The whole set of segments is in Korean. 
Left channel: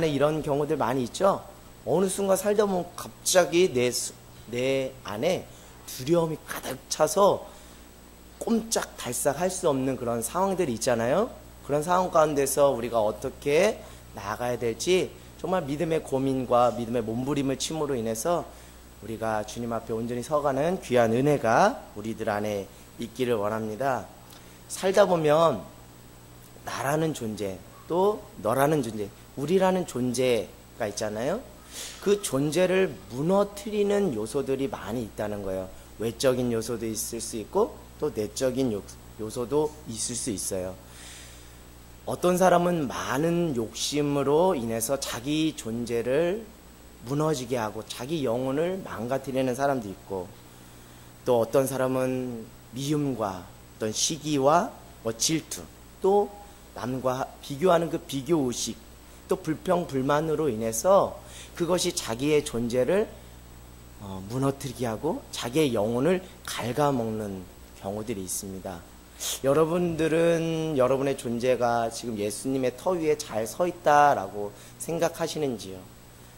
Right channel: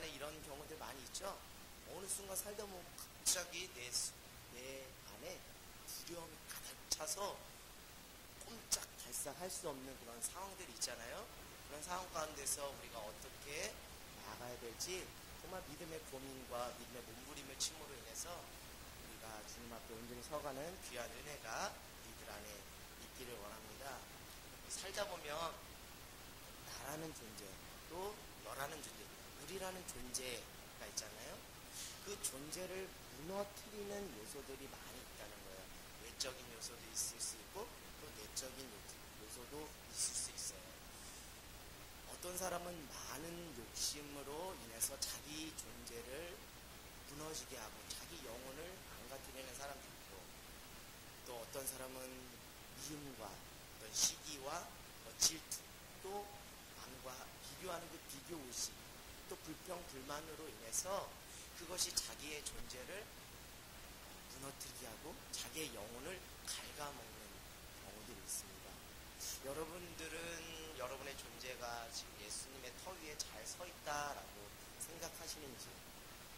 안에 이런 경우들 많이 있죠. 어느 순간 살다 보면 갑자기 내 안에 두려움이 가득 차서 꼼짝달싹 할 수 없는 그런 상황들이 있잖아요. 그런 상황 가운데서 우리가 어떻게 나아가야 될지 정말 믿음의 고민과 믿음의 몸부림을 침으로 인해서 우리가 주님 앞에 온전히 서가는 귀한 은혜가 우리들 안에 있기를 원합니다. 살다 보면 나라는 존재, 또 너라는 존재, 우리라는 존재가 있잖아요. 그 존재를 무너뜨리는 요소들이 많이 있다는 거예요. 외적인 요소도 있을 수 있고 또 내적인 요소도 있을 수 있어요. 어떤 사람은 많은 욕심으로 인해서 자기 존재를 무너지게 하고 자기 영혼을 망가뜨리는 사람도 있고, 또 어떤 사람은 미움과 어떤 시기와 질투, 또 남과 비교하는 그 비교의식, 또 불평불만으로 인해서 그것이 자기의 존재를 무너뜨리게 하고 자기의 영혼을 갉아먹는 경우들이 있습니다. 여러분들은 여러분의 존재가 지금 예수님의 터 위에 잘 서 있다라고 생각하시는지요?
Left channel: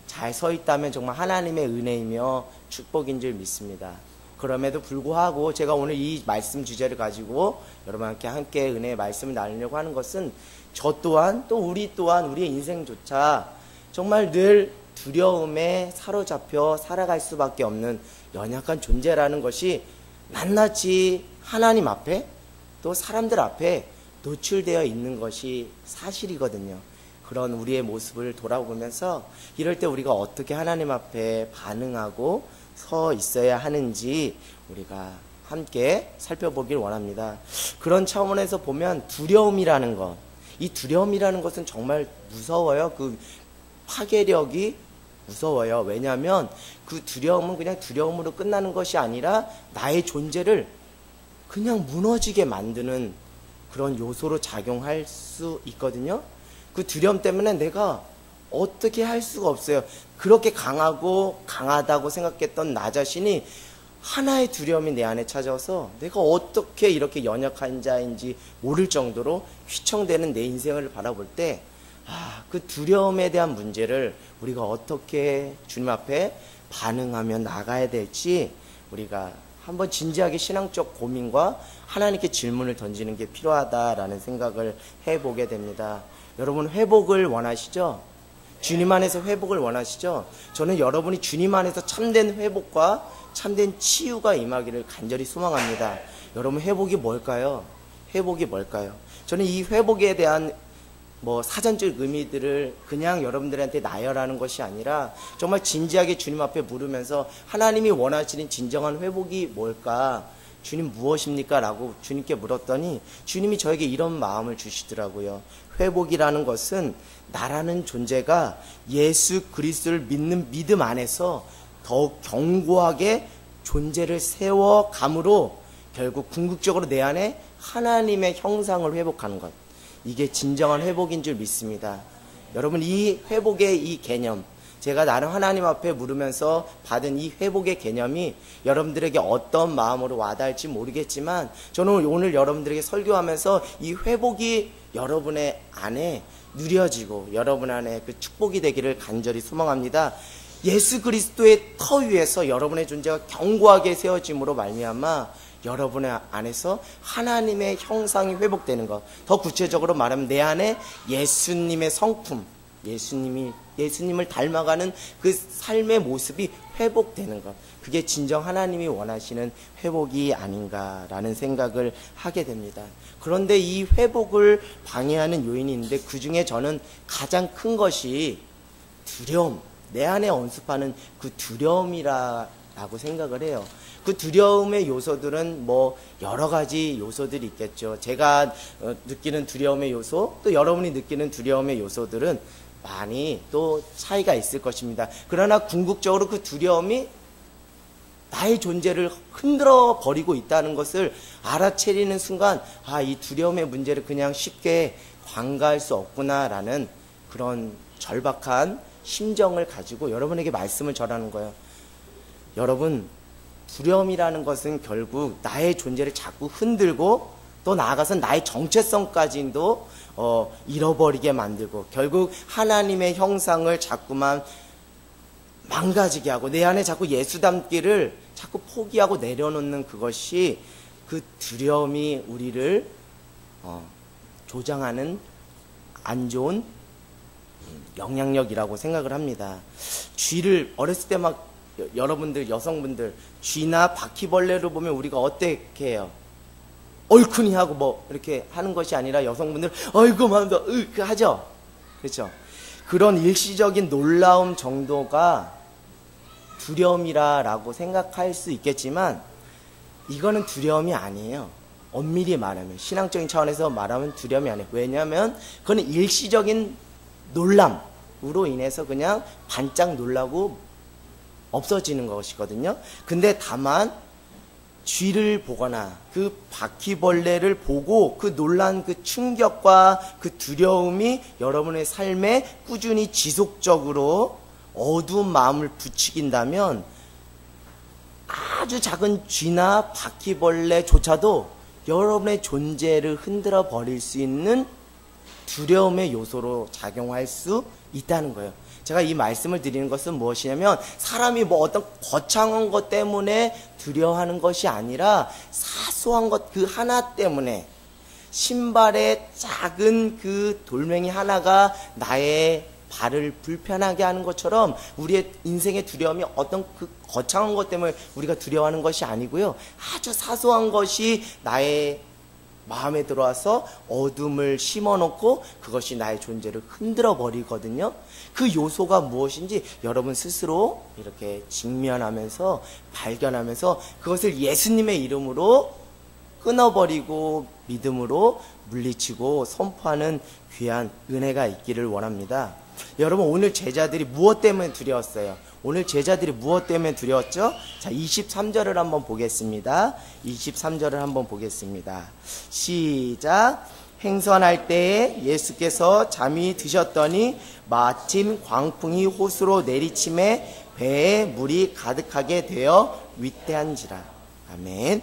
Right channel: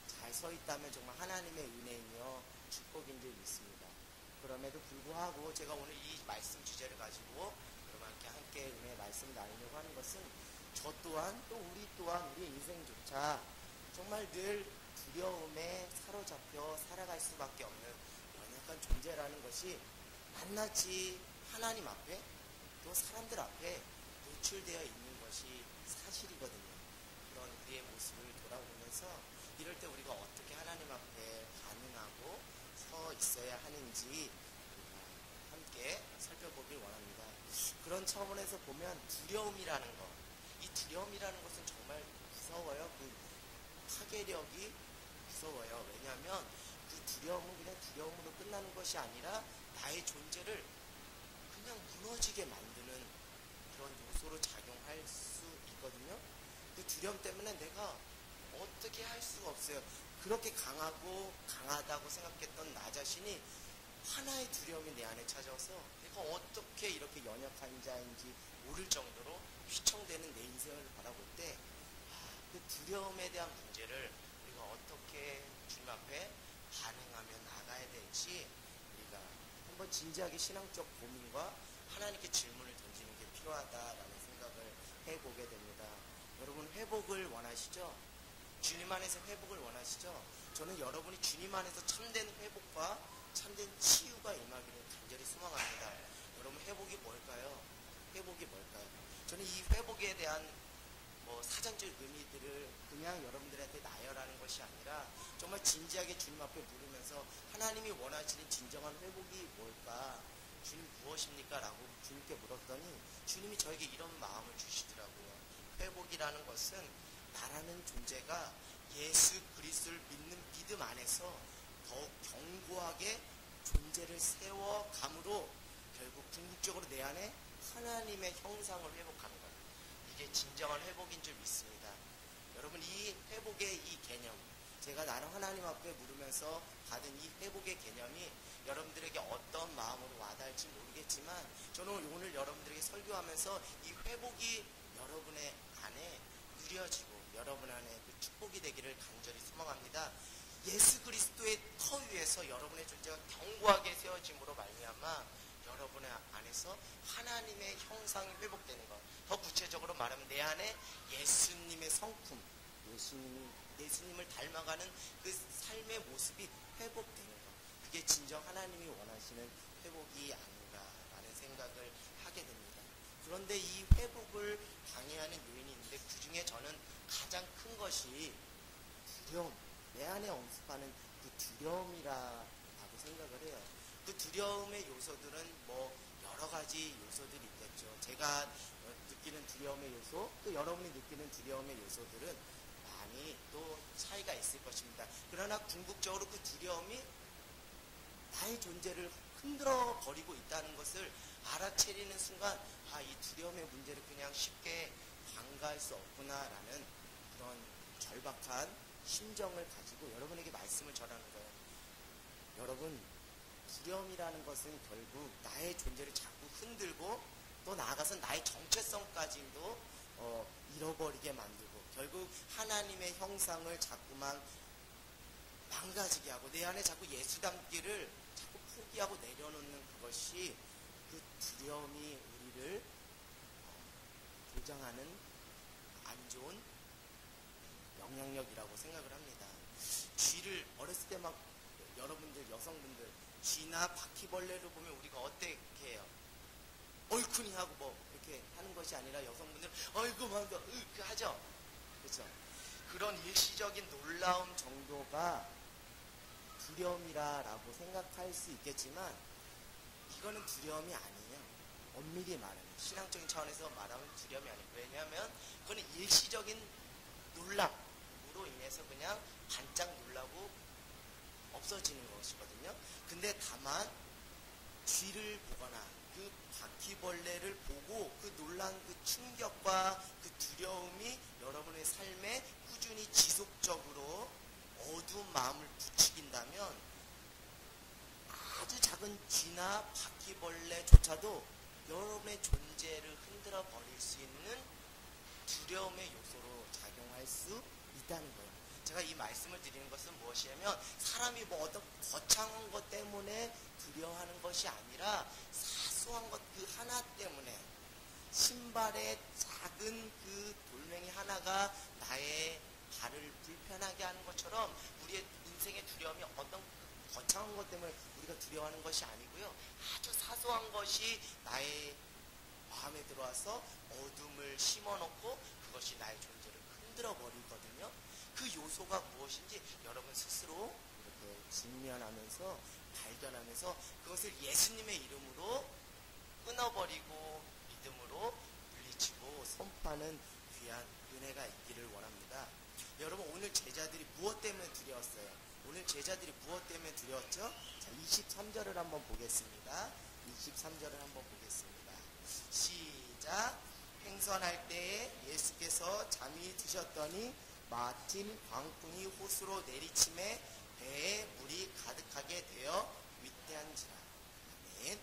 잘 서 있다면 정말 하나님의 은혜이며 축복인 줄 믿습니다. 그럼에도 불구하고 제가 오늘 이 말씀 주제를 가지고 여러분께 함께 은혜의 말씀을 나누려고 하는 것은 저 또한 또 우리 또한 우리의 인생조차 정말 늘 두려움에 사로잡혀 살아갈 수밖에 없는 연약한 존재라는 것이 낱낱이 하나님 앞에 또 사람들 앞에 노출되어 있는 것이 사실이거든요. 그런 우리의 모습을 돌아보면서 이럴 때 우리가 어떻게 하나님 앞에 반응하고 서 있어야 하는지 우리가 함께 살펴보길 원합니다. 그런 차원에서 보면 두려움이라는 것, 이 두려움이라는 것은 정말 무서워요. 그 파괴력이 무서워요. 왜냐하면 그 두려움은 그냥 두려움으로 끝나는 것이 아니라 나의 존재를 그냥 무너지게 만드는 그런 요소로 작용할 수 있거든요. 그 두려움 때문에 내가 어떻게 할 수가 없어요. 그렇게 강하다고 생각했던 나 자신이 하나의 두려움이 내 안에 찾아와서 내가 어떻게 이렇게 연약한 자인지 모를 정도로 휘청대는 내 인생을 바라볼 때 그 두려움에 대한 문제를 우리가 어떻게 주님 앞에 반응하며 나가야 될지 우리가 한번 진지하게 신앙적 고민과 하나님께 질문을 던지는 게 필요하다라는 생각을 해보게 됩니다. 여러분 회복을 원하시죠? 주님 안에서 회복을 원하시죠? 저는 여러분이 주님 안에서 참된 회복과 참된 치유가 임하기를 간절히 소망합니다. 여러분 회복이 뭘까요? 회복이 뭘까요? 저는 이 회복에 대한 사전적 의미들을 그냥 여러분들한테 나열하는 것이 아니라 정말 진지하게 주님 앞에 물으면서 하나님이 원하시는 진정한 회복이 뭘까? 주님 무엇입니까? 라고 주님께 물었더니 주님이 저에게 이런 마음을 주시더라고요. 회복이라는 것은 나라는 존재가 예수 그리스도를 믿는 믿음 안에서 더욱 견고하게 존재를 세워감으로 결국 궁극적으로 내 안에 하나님의 형상을 회복하는 것, 이게 진정한 회복인 줄 믿습니다. 여러분 이 회복의 이 개념, 제가 나름 하나님 앞에 물으면서 받은 이 회복의 개념이 여러분들에게 어떤 마음으로 와닿을지 모르겠지만 저는 오늘 여러분들에게 설교하면서 이 회복이 여러분의 안에 누려지고 여러분 안에 그 축복이 되기를 간절히 소망합니다. 예수 그리스도의 터 위에서 여러분의 존재가 견고하게 세워짐으로 말미암아 여러분의 안에서 하나님의 형상이 회복되는 것, 더 구체적으로 말하면 내 안에 예수님의 성품, 예수님을 닮아가는 그 삶의 모습이 회복되는 것, 그게 진정 하나님이 원하시는 회복이 아닌가라는 생각을 하게 됩니다. 그런데 이 회복을 방해하는 요인이 있는데 그 중에 저는 가장 큰 것이 두려움, 내 안에 언습하는 그 두려움이라고 생각을 해요. 그 두려움의 요소들은 여러 가지 요소들이 있겠죠. 제가 느끼는 두려움의 요소, 또 여러분이 느끼는 두려움의 요소들은 많이 또 차이가 있을 것입니다. 그러나 궁극적으로 그 두려움이 나의 존재를 흔들어 버리고 있다는 것을 알아채리는 순간 이 두려움의 문제를 그냥 쉽게 관가할 수 없구나라는 그런 절박한 심정을 가지고 여러분에게 말씀을 전하는 거예요. 여러분, 두려움이라는 것은 결국 나의 존재를 자꾸 흔들고 또 나아가서 나의 정체성까지도 잃어버리게 만들고 결국 하나님의 형상을 자꾸만 망가지게 하고 내 안에 자꾸 예수 닮기를 자꾸 포기하고 내려놓는 그것이 그 두려움이 우리를 조장하는 안 좋은 영향력이라고 생각을 합니다. 쥐를 어렸을 때 막 여러분들 여성분들 쥐나 바퀴벌레를 보면 우리가 어떻게 해요? 얼큰이 하고 뭐 이렇게 하는 것이 아니라 여성분들 어이구 마음도 하죠. 그렇죠? 그런 일시적인 놀라움 정도가 두려움이라고 생각할 수 있겠지만 이거는 두려움이 아니에요. 엄밀히 말하면 신앙적인 차원에서 말하면 두려움이 아니에요. 왜냐하면 그건 일시적인 놀람으로 인해서 그냥 반짝 놀라고 없어지는 것이거든요. 근데 다만 쥐를 보거나 그 바퀴벌레를 보고 그 놀란 그 충격과 그 두려움이 여러분의 삶에 꾸준히 지속적으로 어두운 마음을 부추긴다면 아주 작은 쥐나 바퀴벌레조차도 여러분의 존재를 흔들어 버릴 수 있는 두려움의 요소로 작용할 수 있다는 거예요. 제가 이 말씀을 드리는 것은 무엇이냐면 사람이 뭐 어떤 거창한 것 때문에 두려워하는 것이 아니라 사소한 것 그 하나 때문에 신발의 작은 그 돌멩이 하나가 나의 발을 불편하게 하는 것처럼 우리의 인생의 두려움이 어떤 그 거창한 것 때문에 우리가 두려워하는 것이 아니고요. 아주 사소한 것이 나의 마음에 들어와서 어둠을 심어놓고 그것이 나의 존재를 흔들어 버리거든요. 그 요소가 무엇인지 여러분 스스로 이렇게 직면하면서 발견하면서 그것을 예수님의 이름으로 끊어버리고 믿음으로 물리치고 선포하는 귀한 은혜가 있기를 원합니다. 여러분 오늘 제자들이 무엇 때문에 두려웠어요? 오늘 제자들이 무엇 때문에 두려웠죠? 자, 23절을 한번 보겠습니다. 23절을 한번 보겠습니다. 시작. 행선할 때에 예수께서 잠이 드셨더니 마침 광풍이 호수로 내리침에 배에 물이 가득하게 되어 위태한지라. 아멘.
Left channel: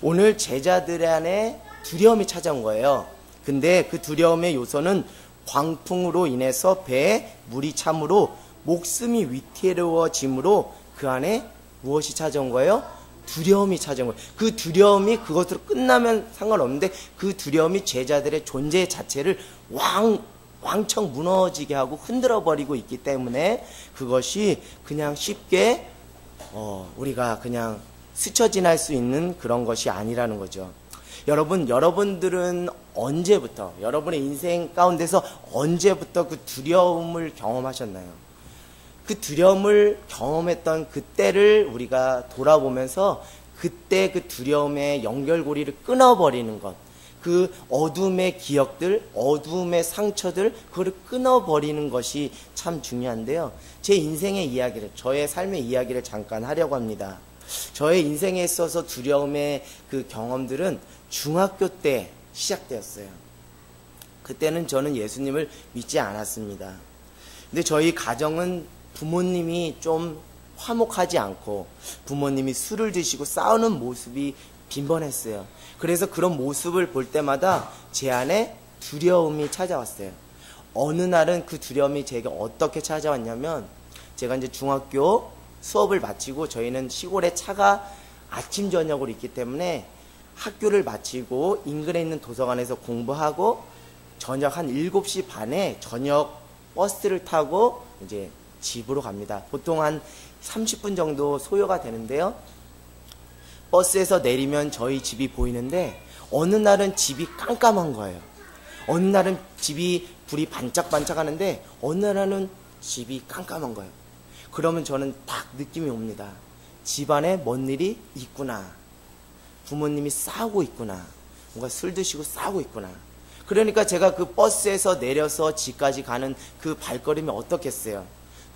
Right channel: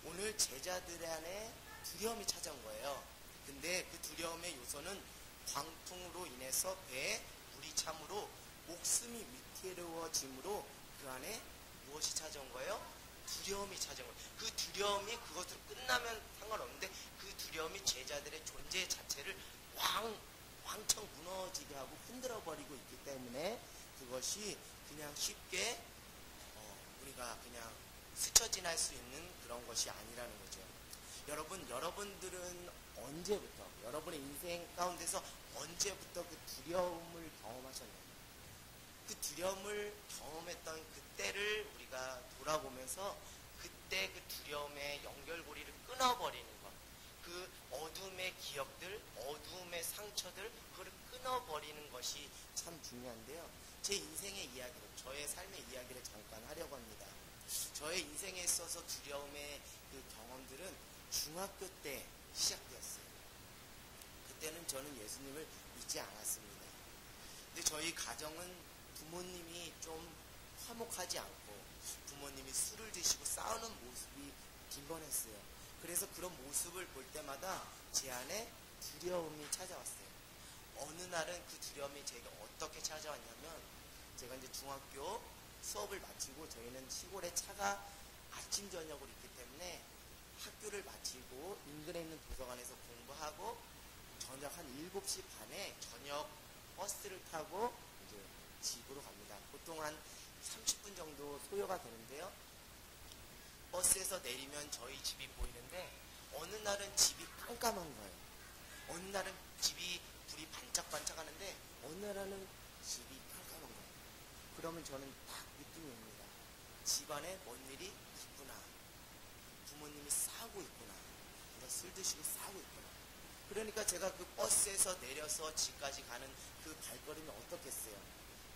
오늘 제자들 안에 두려움이 찾아온 거예요. 근데 그 두려움의 요소는 광풍으로 인해서 배에 물이 참으로 목숨이 위태로워짐으로 그 안에 무엇이 찾아온 거예요? 두려움이 찾아온 거예요. 그 두려움이 그것으로 끝나면 상관없는데 그 두려움이 제자들의 존재 자체를 왕청 무너지게 하고 흔들어 버리고 있기 때문에 그것이 그냥 쉽게 우리가 그냥 스쳐 지날 수 있는 그런 것이 아니라는 거죠. 여러분들은 언제부터 여러분의 인생 가운데서 언제부터 그 두려움을 경험하셨나요? 그 두려움을 경험했던 그때를 우리가 돌아보면서 그때 그 두려움의 연결고리를 끊어버리는 것, 그 어둠의 기억들, 어둠의 상처들, 그걸 끊어버리는 것이 참 중요한데요. 제 인생의 이야기를, 저의 삶의 이야기를 잠깐 하려고 합니다. 저의 인생에 있어서 두려움의 그 경험들은 중학교 때 시작되었어요. 그때는 저는 예수님을 믿지 않았습니다. 근데 저희 가정은 부모님이 좀 화목하지 않고 부모님이 술을 드시고 싸우는 모습이 빈번했어요. 그래서 그런 모습을 볼 때마다 제 안에 두려움이 찾아왔어요. 어느 날은 그 두려움이 제게 어떻게 찾아왔냐면 제가 이제 중학교 수업을 마치고 저희는 시골에 차가 아침 저녁으로 있기 때문에 학교를 마치고 인근에 있는 도서관에서 공부하고 저녁 한 7시 반에 저녁 버스를 타고 이제 집으로 갑니다. 보통 한 30분 정도 소요가 되는데요. 버스에서 내리면 저희 집이 보이는데 어느 날은 집이 깜깜한 거예요. 어느 날은 집이 불이 반짝반짝 하는데 어느 날은 집이 깜깜한 거예요. 그러면 저는 딱 느낌이 옵니다. 집안에 뭔 일이 있구나. 부모님이 싸우고 있구나. 뭔가 술 드시고 싸우고 있구나. 그러니까 제가 그 버스에서 내려서 집까지 가는 그 발걸음이 어떻겠어요?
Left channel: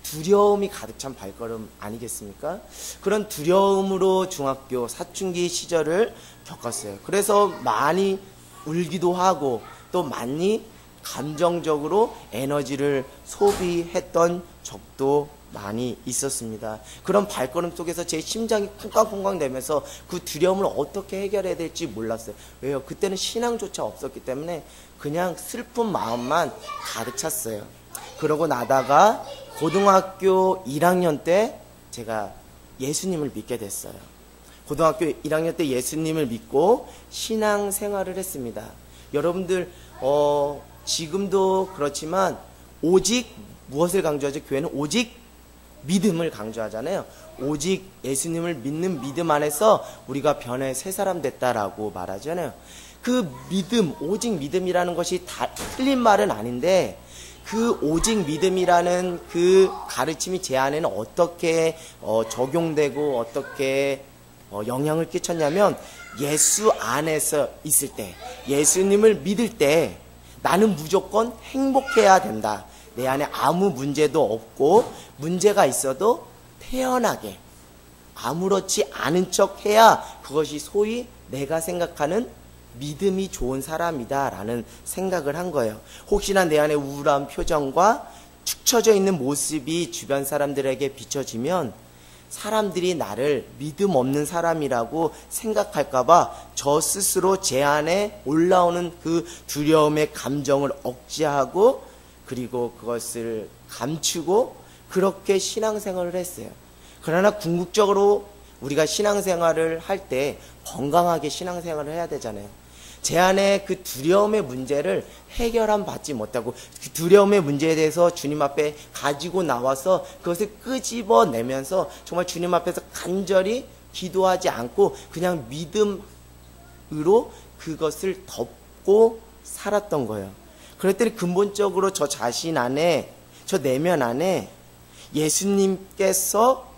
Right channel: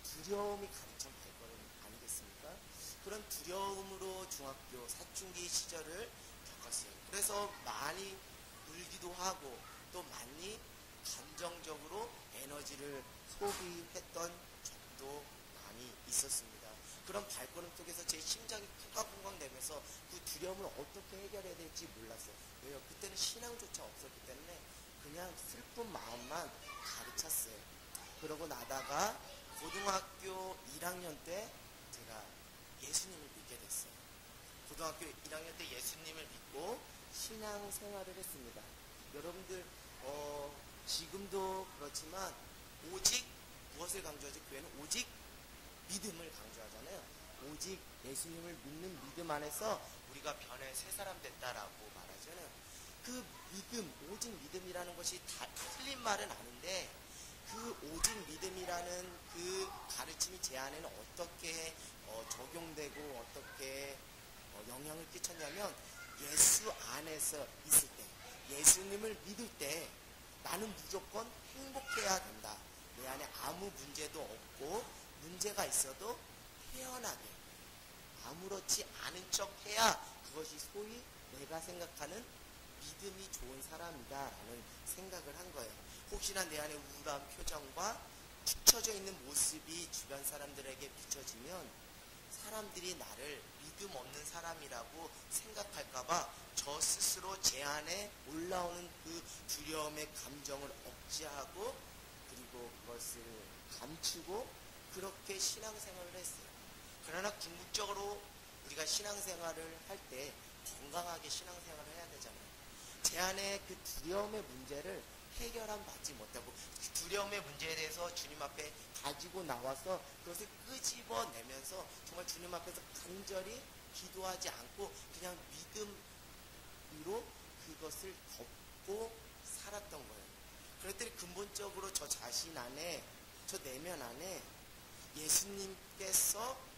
두려움이 가득 찬 발걸음 아니겠습니까? 그런 두려움으로 중학교 사춘기 시절을 겪었어요. 그래서 많이 울기도 하고 또 많이 감정적으로 에너지를 소비했던 적도 많이 있었습니다. 그런 발걸음 속에서 제 심장이 쿵쾅쿵쾅 되면서 그 두려움을 어떻게 해결해야 될지 몰랐어요. 왜요? 그때는 신앙조차 없었기 때문에 그냥 슬픈 마음만 가득 찼어요. 그러고 나다가 고등학교 1학년 때 제가 예수님을 믿게 됐어요. 고등학교 1학년 때 예수님을 믿고 신앙생활을 했습니다. 여러분들 지금도 그렇지만 오직 무엇을 강조하죠? 교회는 오직 믿음을 강조하잖아요. 오직 예수님을 믿는 믿음 안에서 우리가 변해 새 사람 됐다라고 말하잖아요. 그 믿음, 오직 믿음이라는 것이 다 틀린 말은 아닌데 그 오직 믿음이라는 그 가르침이 제 안에는 어떻게 적용되고 어떻게 영향을 끼쳤냐면 예수 안에서 있을 때, 예수님을 믿을 때 나는 무조건 행복해야 된다. 내 안에 아무 문제도 없고 문제가 있어도 태연하게 아무렇지 않은 척 해야 그것이 소위 내가 생각하는 믿음이 좋은 사람이다 라는 생각을 한 거예요. 혹시나 내 안에 우울한 표정과 축 처져 있는 모습이 주변 사람들에게 비춰지면 사람들이 나를 믿음 없는 사람이라고 생각할까봐 저 스스로 제 안에 올라오는 그 두려움의 감정을 억제하고 그리고 그것을 감추고 그렇게 신앙생활을 했어요. 그러나 궁극적으로 우리가 신앙생활을 할 때 건강하게 신앙생활을 해야 되잖아요. 제 안에 그 두려움의 문제를 해결함 받지 못하고 그 두려움의 문제에 대해서 주님 앞에 가지고 나와서 그것을 끄집어내면서 정말 주님 앞에서 간절히 기도하지 않고 그냥 믿음으로 그것을 덮고 살았던 거예요. 그랬더니 근본적으로 저 자신 안에, 저 내면 안에 예수님께서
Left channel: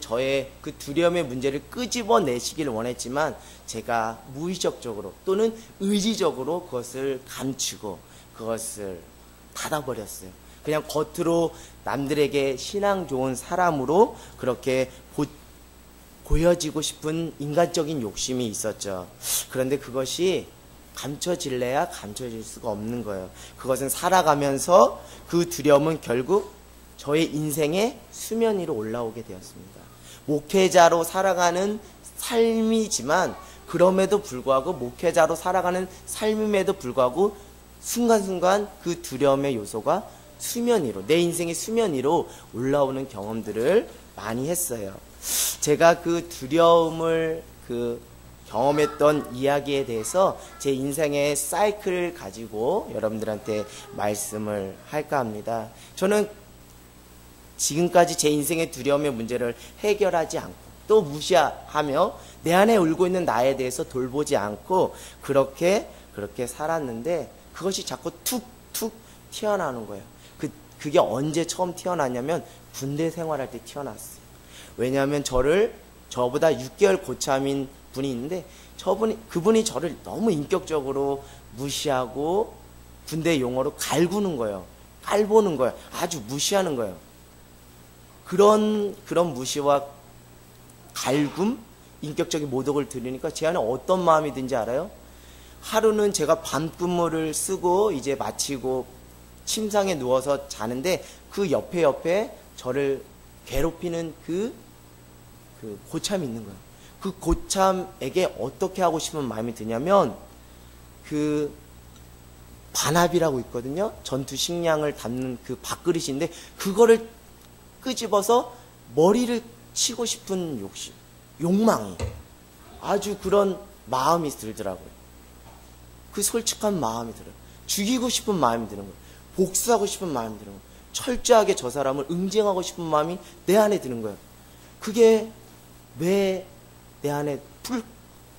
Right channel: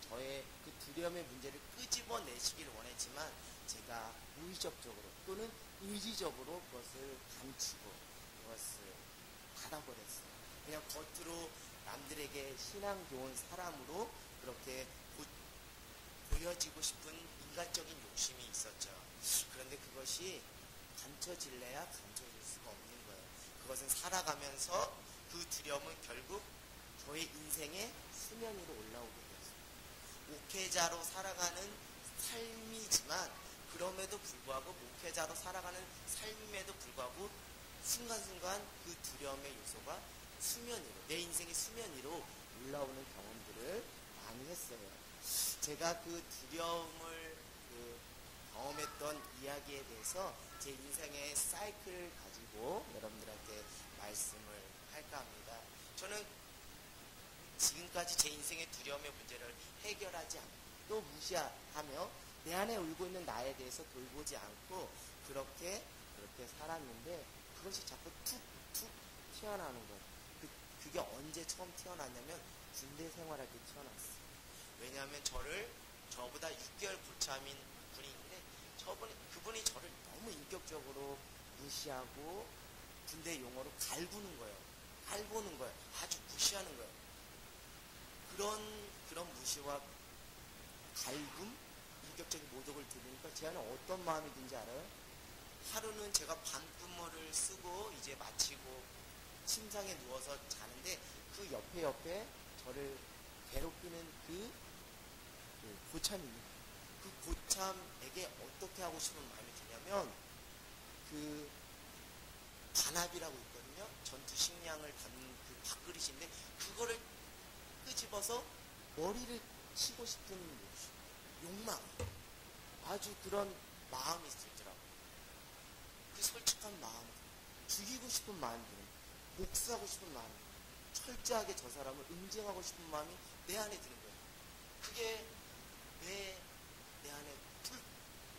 저의 그 두려움의 문제를 끄집어내시기를 원했지만 제가 무의식적으로 또는 의지적으로 그것을 감추고 그것을 닫아버렸어요. 그냥 겉으로 남들에게 신앙 좋은 사람으로 그렇게 보여지고 싶은 인간적인 욕심이 있었죠. 그런데 그것이 감춰질래야 감춰질 수가 없는 거예요. 그것은 살아가면서 그 두려움은 결국 저의 인생의 수면 위로 올라오게 되었습니다. 목회자로 살아가는 삶이지만 그럼에도 불구하고 목회자로 살아가는 삶임에도 불구하고 순간순간 그 두려움의 요소가 수면 위로, 내 인생의 수면 위로 올라오는 경험들을 많이 했어요. 제가 그 두려움을 경험했던 이야기에 대해서 제 인생의 사이클을 가지고 여러분들한테 말씀을 할까 합니다. 저는 지금까지 제 인생의 두려움의 문제를 해결하지 않고 또 무시하며 내 안에 울고 있는 나에 대해서 돌보지 않고 그렇게 살았는데 그것이 자꾸 툭툭 튀어나오는 거예요. 그게 언제 처음 튀어나왔냐면 군대 생활할 때 튀어나왔어요. 왜냐하면 저보다 6개월 고참인 분이 있는데 그분이 저를 너무 인격적으로 무시하고 군대 용어로 갈구는 거예요. 깔보는 거예요. 아주 무시하는 거예요. 그런 무시와 갈굼, 인격적인 모독을 들으니까 제 안에 어떤 마음이 든지 알아요? 하루는 제가 밤근무를 쓰고 이제 마치고 침상에 누워서 자는데 그 옆에 저를 괴롭히는 그 고참이 있는 거예요. 그 고참에게 어떻게 하고 싶은 마음이 드냐면 그 반합이라고 있거든요. 전투 식량을 담는 그 밥그릇인데 그거를 끄집어서 머리를 치고 싶은 욕망이 아주 그런 마음이 들더라고요. 그 솔직한 마음이 들어요. 죽이고 싶은 마음이 드는 거예요. 복수하고 싶은 마음이 드는 거예요. 철저하게 저 사람을 응징하고 싶은 마음이 내 안에 드는 거예요. 그게 왜 내 안에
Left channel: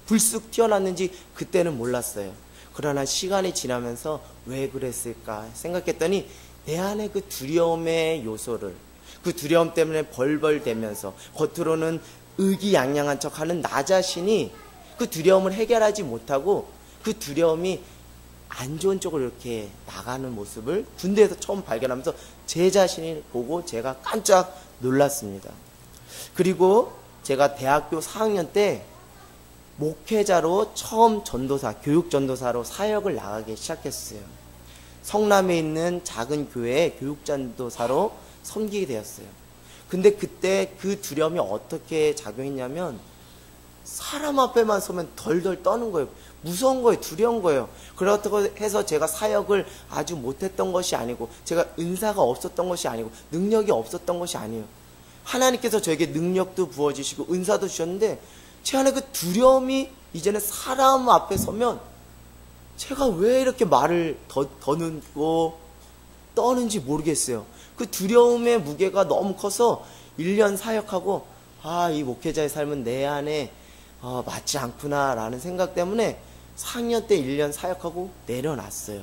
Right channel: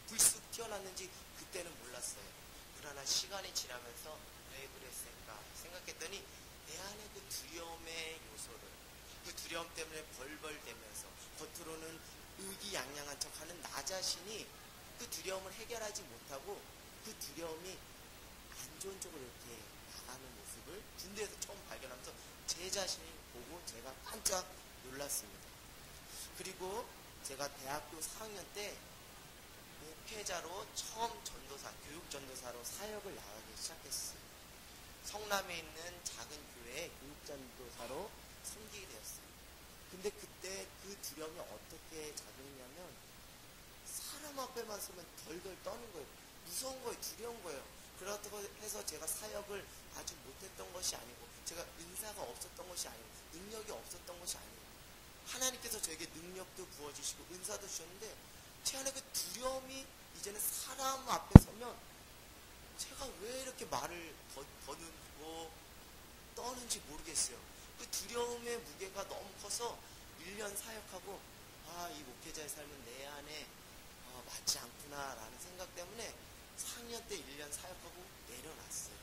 불쑥 튀어났는지 그때는 몰랐어요. 그러나 시간이 지나면서 왜 그랬을까 생각했더니 내 안에 그 두려움의 요소를 그 두려움 때문에 벌벌대면서 겉으로는 의기양양한 척하는 나 자신이 그 두려움을 해결하지 못하고 그 두려움이 안 좋은 쪽으로 이렇게 나가는 모습을 군대에서 처음 발견하면서 제 자신을 보고 제가 깜짝 놀랐습니다. 그리고 제가 대학교 4학년 때 목회자로 처음 교육전도사로 사역을 나가기 시작했어요. 성남에 있는 작은 교회에 교육전도사로 섬기게 되었어요. 근데 그때 그 두려움이 어떻게 작용했냐면 사람 앞에만 서면 덜덜 떠는 거예요. 무서운 거예요. 두려운 거예요. 그렇다고 해서 제가 사역을 아주 못했던 것이 아니고 제가 은사가 없었던 것이 아니고 능력이 없었던 것이 아니에요. 하나님께서 저에게 능력도 부어주시고 은사도 주셨는데 제 안에 그 두려움이 이제는 사람 앞에 서면 제가 왜 이렇게 말을 더듬고 떠는지 모르겠어요. 그 두려움의 무게가 너무 커서 1년 사역하고 이 목회자의 삶은 내 안에 맞지 않구나 라는 생각 때문에 4년 때 1년 사역하고 내려놨어요.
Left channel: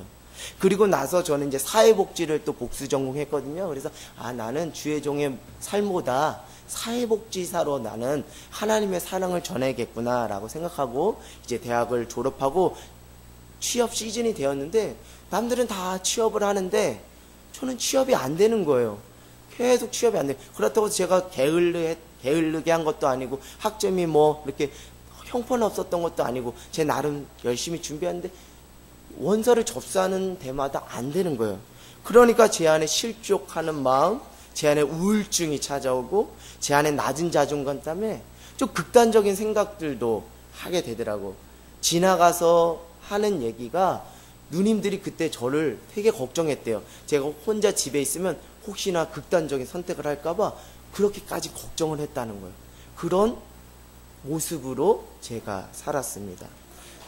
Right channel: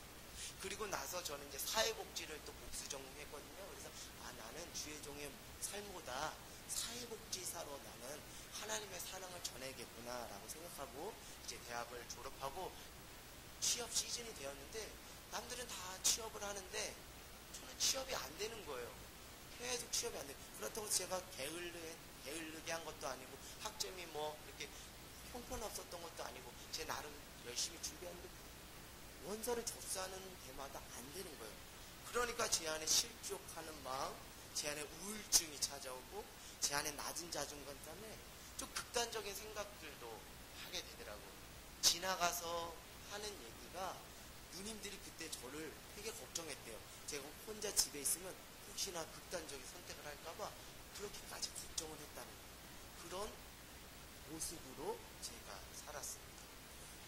그리고 나서 저는 이제 사회복지를 또 복수 전공했거든요. 그래서 나는 주의 종의 삶보다 사회복지사로 나는 하나님의 사랑을 전해야겠구나 라고 생각하고 이제 대학을 졸업하고 취업 시즌이 되었는데 남들은 다 취업을 하는데 저는 취업이 안 되는 거예요. 계속 취업이 안 돼요. 그렇다고 제가 게을르게 한 것도 아니고 학점이 뭐 이렇게 형편없었던 것도 아니고 제 나름 열심히 준비했는데 원서를 접수하는 데마다 안 되는 거예요. 그러니까 제 안에 실족하는 마음, 제 안에 우울증이 찾아오고 제 안에 낮은 자존감 때문에 좀 극단적인 생각들도 하게 되더라고. 지나가서 하는 얘기가 누님들이 그때 저를 되게 걱정했대요. 제가 혼자 집에 있으면 혹시나 극단적인 선택을 할까봐 그렇게까지 걱정을 했다는 거예요. 그런 모습으로 제가 살았습니다.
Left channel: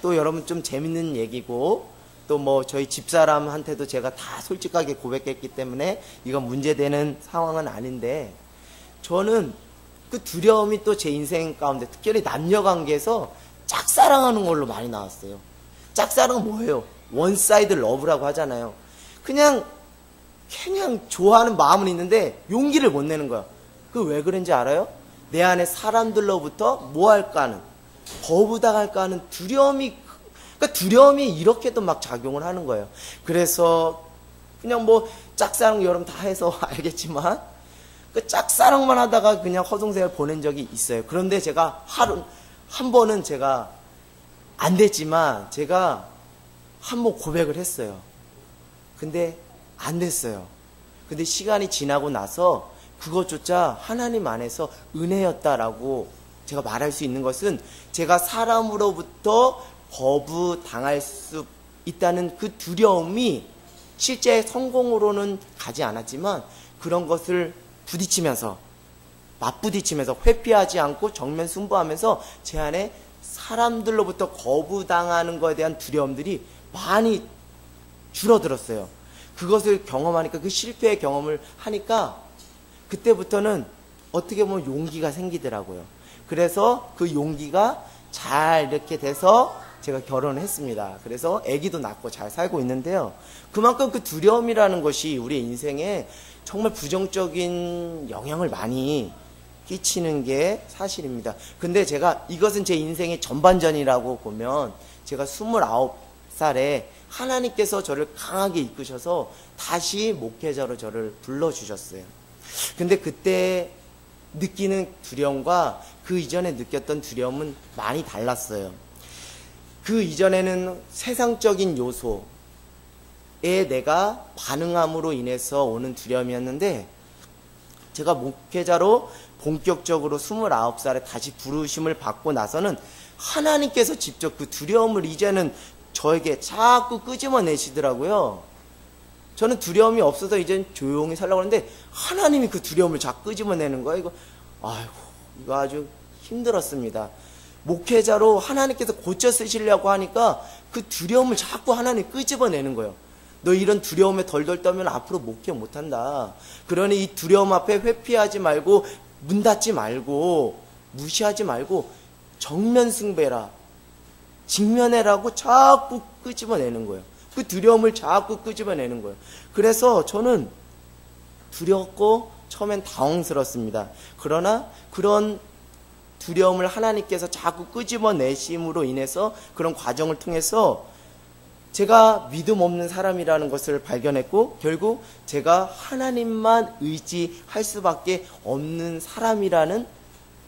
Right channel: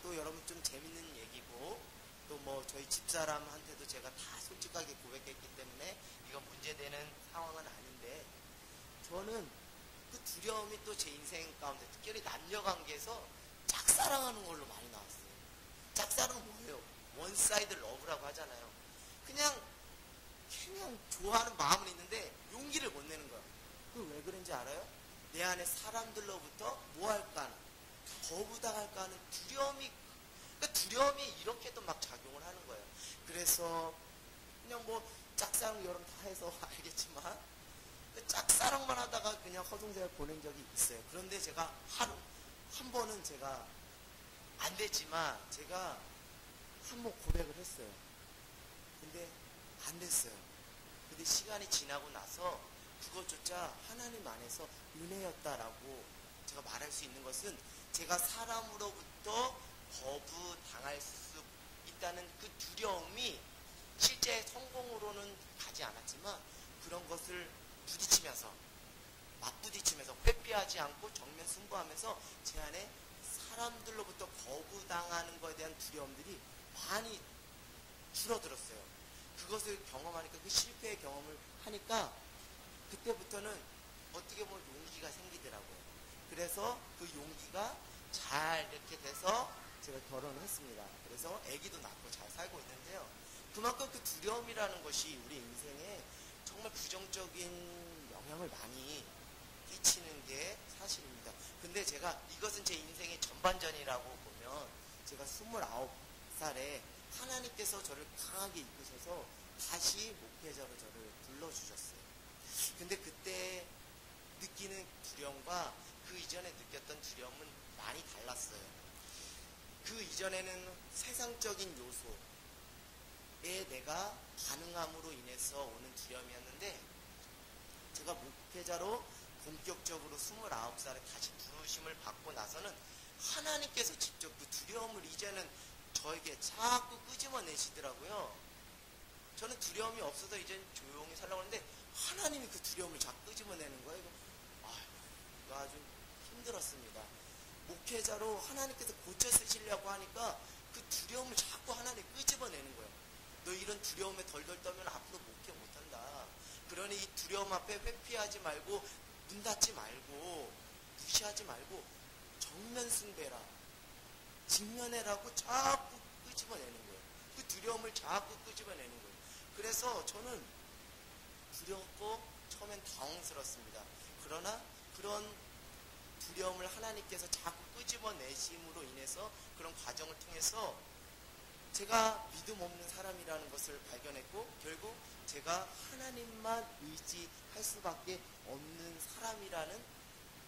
또 여러분 좀 재밌는 얘기고 또 뭐 저희 집사람한테도 제가 다 솔직하게 고백했기 때문에 이건 문제되는 상황은 아닌데 저는 그 두려움이 또 제 인생 가운데 특별히 남녀관계에서 짝사랑하는 걸로 많이 나왔어요. 짝사랑은 뭐예요? 원사이드 러브라고 하잖아요. 그냥 좋아하는 마음은 있는데 용기를 못 내는 거야. 그 왜 그런지 알아요? 내 안에 사람들로부터 뭐 할까 하는, 거부당할까 하는 두려움이, 그러니까 두려움이 이렇게도 막 작용을 하는 거예요. 그래서 그냥 뭐 짝사랑 여러분 다 해서 알겠지만 그 짝사랑만 하다가 그냥 허송세월 보낸 적이 있어요. 그런데 제가 한 번은 제가 안 됐지만 제가 한 번 고백을 했어요. 근데 안 됐어요. 근데 시간이 지나고 나서 그것조차 하나님 안에서 은혜였다라고 제가 말할 수 있는 것은 제가 사람으로부터 거부당할 수 있다는 그 두려움이 실제 성공으로는 가지 않았지만 그런 것을 맞부딪히면서 회피하지 않고 정면 승부하면서 제 안에 사람들로부터 거부당하는 것에 대한 두려움들이 많이 줄어들었어요. 그것을 경험하니까, 그 실패의 경험을 하니까 그때부터는 어떻게 보면 용기가 생기더라고요. 그래서 그 용기가 잘 이렇게 돼서 제가 결혼을 했습니다. 그래서 아기도 낳고 잘 살고 있는데요. 그만큼 그 두려움이라는 것이 우리 인생에 정말 부정적인 영향을 많이 끼치는 게 사실입니다. 근데 제가 이것은 제 인생의 전반전이라고 보면 제가 29살에 하나님께서 저를 강하게 이끄셔서 다시 목회자로 저를 불러주셨어요. 근데 그때 느끼는 두려움과 그 이전에 느꼈던 두려움은 많이 달랐어요. 그 이전에는 세상적인 요소에 내가 반응함으로 인해서 오는 두려움이었는데 제가 목회자로 본격적으로 29살에 다시 부르심을 받고 나서는 하나님께서 직접 그 두려움을 이제는 저에게 자꾸 끄집어내시더라고요. 저는 두려움이 없어서 이제 조용히 살려고 하는데 하나님이 그 두려움을 자꾸 끄집어내는 거예요. 이거 아주 힘들었습니다. 목회자로 하나님께서 고쳐 쓰시려고 하니까 그 두려움을 자꾸 하나님이 끄집어내는 거예요. 너 이런 두려움에 덜덜 떨면 앞으로 목회 못한다. 그러니 이 두려움 앞에 회피하지 말고 문 닫지 말고 무시하지 말고 정면 승배라, 직면해라고 자꾸 끄집어내는 거예요. 그 두려움을 자꾸 끄집어내는 거예요. 그래서 저는 두렵고 처음엔 당황스럽습니다. 그러나 그런 두려움을 하나님께서 자꾸 끄집어내심으로 인해서 그런 과정을 통해서 제가 믿음 없는 사람이라는 것을 발견했고 결국 제가 하나님만 의지할 수밖에 없는 사람이라는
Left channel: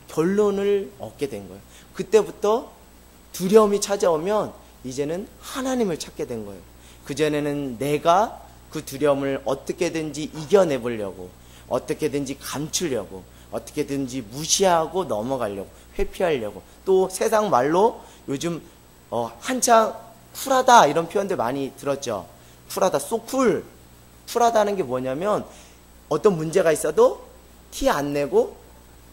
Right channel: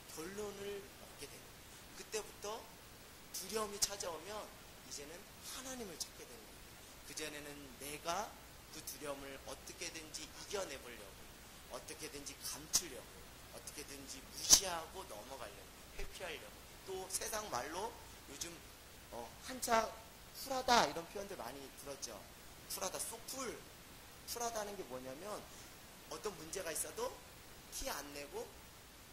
결론을 얻게 된 거예요. 그때부터 두려움이 찾아오면 이제는 하나님을 찾게 된 거예요. 그전에는 내가 그 두려움을 어떻게든지 이겨내보려고 어떻게든지 감추려고, 어떻게든지 무시하고 넘어가려고, 회피하려고. 또 세상 말로 요즘 한창 쿨하다 이런 표현들 많이 들었죠. 쿨하다, 소쿨. 쿨하다는 게 뭐냐면 어떤 문제가 있어도 티 안 내고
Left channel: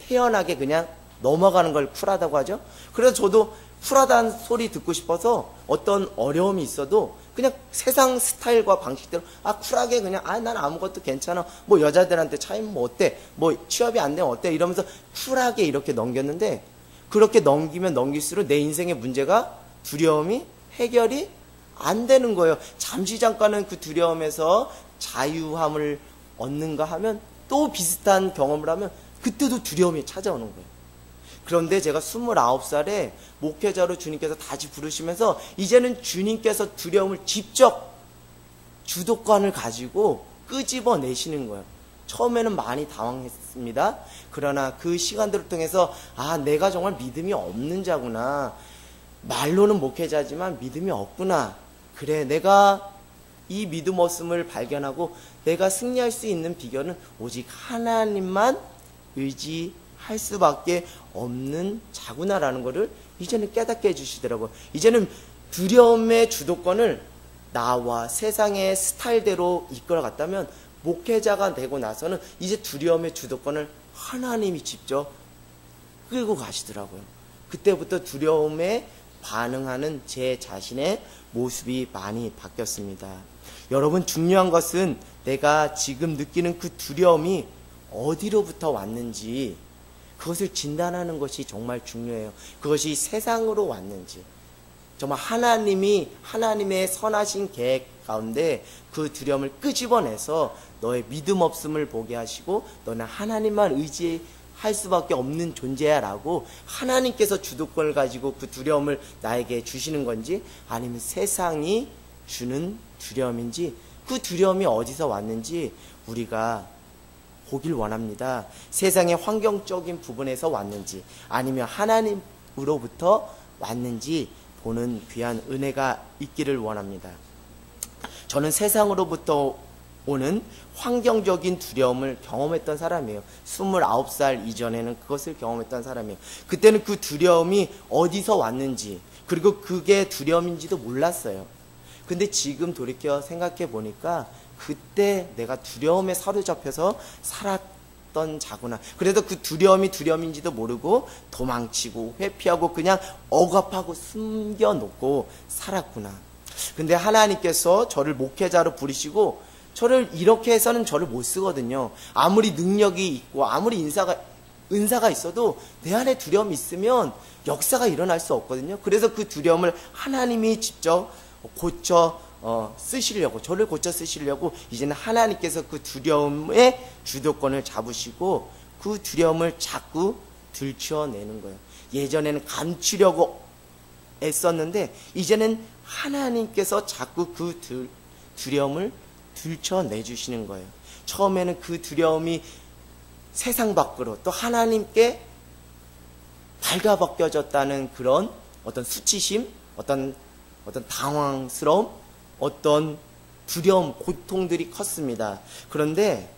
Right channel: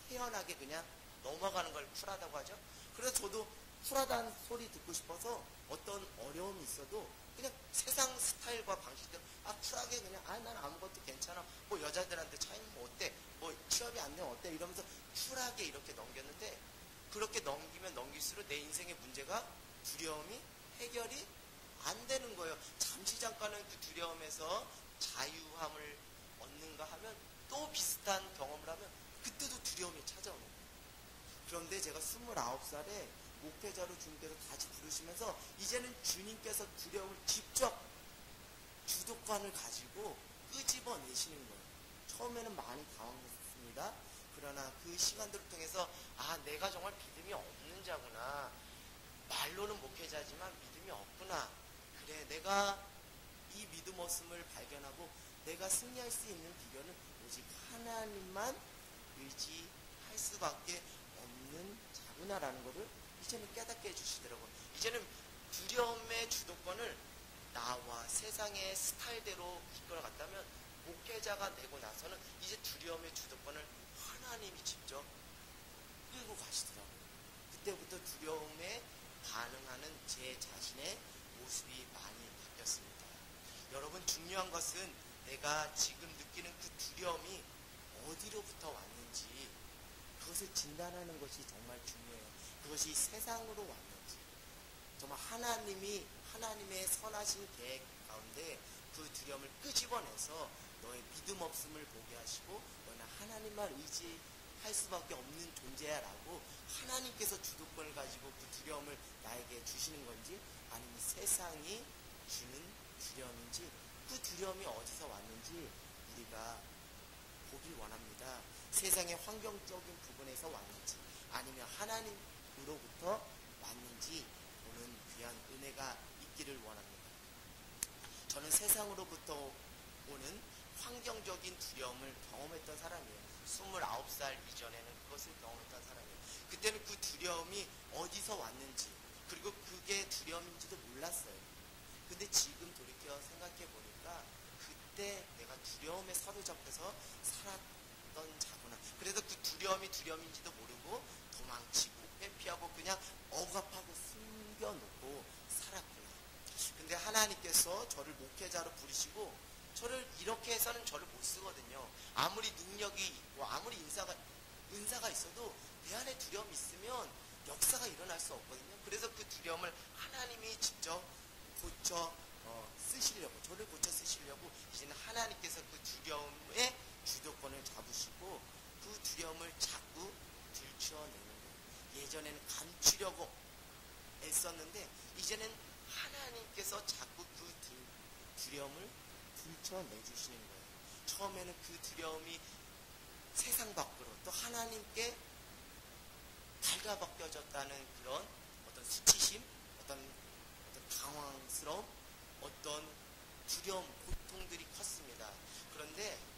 태연하게 그냥 넘어가는 걸 쿨하다고 하죠. 그래서 저도 쿨하다는 소리 듣고 싶어서 어떤 어려움이 있어도 그냥 세상 스타일과 방식대로 쿨하게 그냥 난 아무것도 괜찮아, 뭐 여자들한테 차이면 뭐 어때, 뭐 취업이 안 되면 어때 이러면서 쿨하게 이렇게 넘겼는데, 그렇게 넘기면 넘길수록 내 인생의 문제가, 두려움이 해결이 안 되는 거예요. 잠시 잠깐은 그 두려움에서 자유함을 얻는가 하면 또 비슷한 경험을 하면 그때도 두려움이 찾아오는 거예요. 그런데 제가 29살에 목회자로 주님께서 다시 부르시면서 이제는 주님께서 두려움을 직접 주도권을 가지고 끄집어내시는 거예요. 처음에는 많이 당황했습니다. 그러나 그 시간들을 통해서 내가 정말 믿음이 없는 자구나, 말로는 목회자지만 믿음이 없구나, 그래 내가 이 믿음 없음을 발견하고 내가 승리할 수 있는 비결은 오직 하나님만 의지할 수밖에 없는 자구나라는 것을 이제는 깨닫게 해주시더라고요. 이제는 두려움의 주도권을 나와 세상의 스타일대로 이끌어갔다면 목회자가 되고 나서는 이제 두려움의 주도권을 하나님이 직접 끌고 가시더라고요. 그때부터 두려움에 반응하는 제 자신의 모습이 많이 바뀌었습니다. 여러분, 중요한 것은 내가 지금 느끼는 그 두려움이 어디로부터 왔는지 그것을 진단하는 것이 정말 중요해요. 그것이 세상으로 왔는지, 정말 하나님의 선하신 계획 가운데 그 두려움을 끄집어내서 너의 믿음 없음을 보게 하시고 너는 하나님만 의지할 수밖에 없는 존재야 라고 하나님께서 주도권을 가지고 그 두려움을 나에게 주시는 건지, 아니면 세상이 주는 두려움인지, 그 두려움이 어디서 왔는지 우리가 보길 원합니다. 세상의 환경적인 부분에서 왔는지 아니면 하나님으로부터 왔는지 보는 귀한 은혜가 있기를 원합니다. 저는 세상으로부터 오는 환경적인 두려움을 경험했던 사람이에요. 29살 이전에는 그것을 경험했던 사람이에요. 그때는 그 두려움이 어디서 왔는지, 그리고 그게 두려움인지도 몰랐어요. 근데 지금 돌이켜 생각해 보니까 그때 내가 두려움에 사로잡혀서 살았던 자구나. 그래도 그 두려움이 두려움인지도 모르고 도망치고 회피하고 그냥 억압하고 숨겨놓고 살았구나. 근데 하나님께서 저를 목회자로 부르시고 저를 이렇게 해서는 저를 못 쓰거든요. 아무리 능력이 있고 아무리 은사가 있어도 내 안에 두려움이 있으면 역사가 일어날 수 없거든요. 그래서 그 두려움을 하나님이 직접 저를 고쳐 쓰시려고 이제는 하나님께서 그 두려움의 주도권을 잡으시고 그 두려움을 자꾸 들춰내는 거예요. 예전에는 감추려고 애썼는데 이제는 하나님께서 자꾸 그 두려움을 들춰내주시는 거예요. 처음에는 그 두려움이 세상 밖으로 또 하나님께 발가벗겨졌다는 그런 어떤 수치심, 어떤 당황스러움, 어떤 두려움, 고통들이 컸습니다. 그런데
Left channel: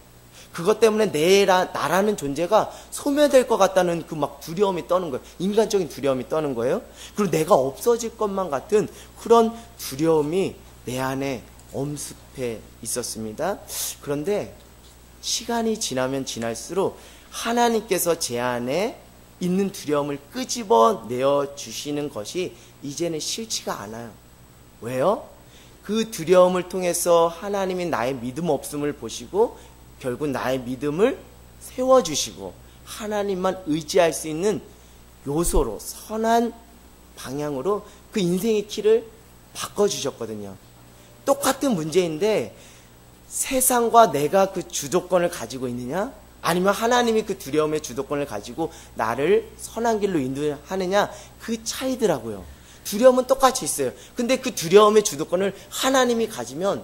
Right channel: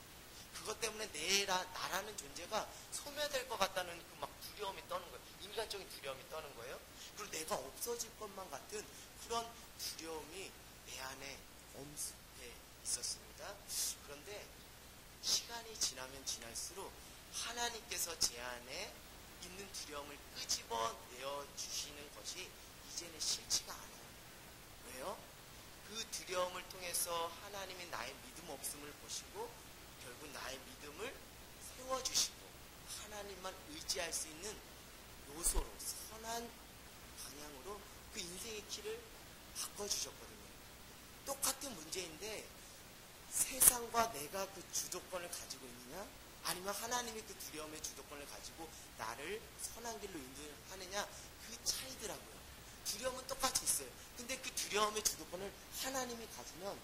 그것 때문에 나라는 존재가 소멸될 것 같다는 그 막 두려움이 떠는 거예요. 인간적인 두려움이 떠는 거예요. 그리고 내가 없어질 것만 같은 그런 두려움이 내 안에 엄습해 있었습니다. 그런데 시간이 지나면 지날수록 하나님께서 제 안에 있는 두려움을 끄집어내어 주시는 것이 이제는 싫지가 않아요. 왜요? 그 두려움을 통해서 하나님이 나의 믿음 없음을 보시고 결국 나의 믿음을 세워주시고 하나님만 의지할 수 있는 요소로, 선한 방향으로 그 인생의 키를 바꿔주셨거든요. 똑같은 문제인데 세상과 내가 그 주도권을 가지고 있느냐, 아니면 하나님이 그 두려움의 주도권을 가지고 나를 선한 길로 인도하느냐, 그 차이더라고요. 두려움은 똑같이 있어요. 근데 그 두려움의 주도권을 하나님이 가지면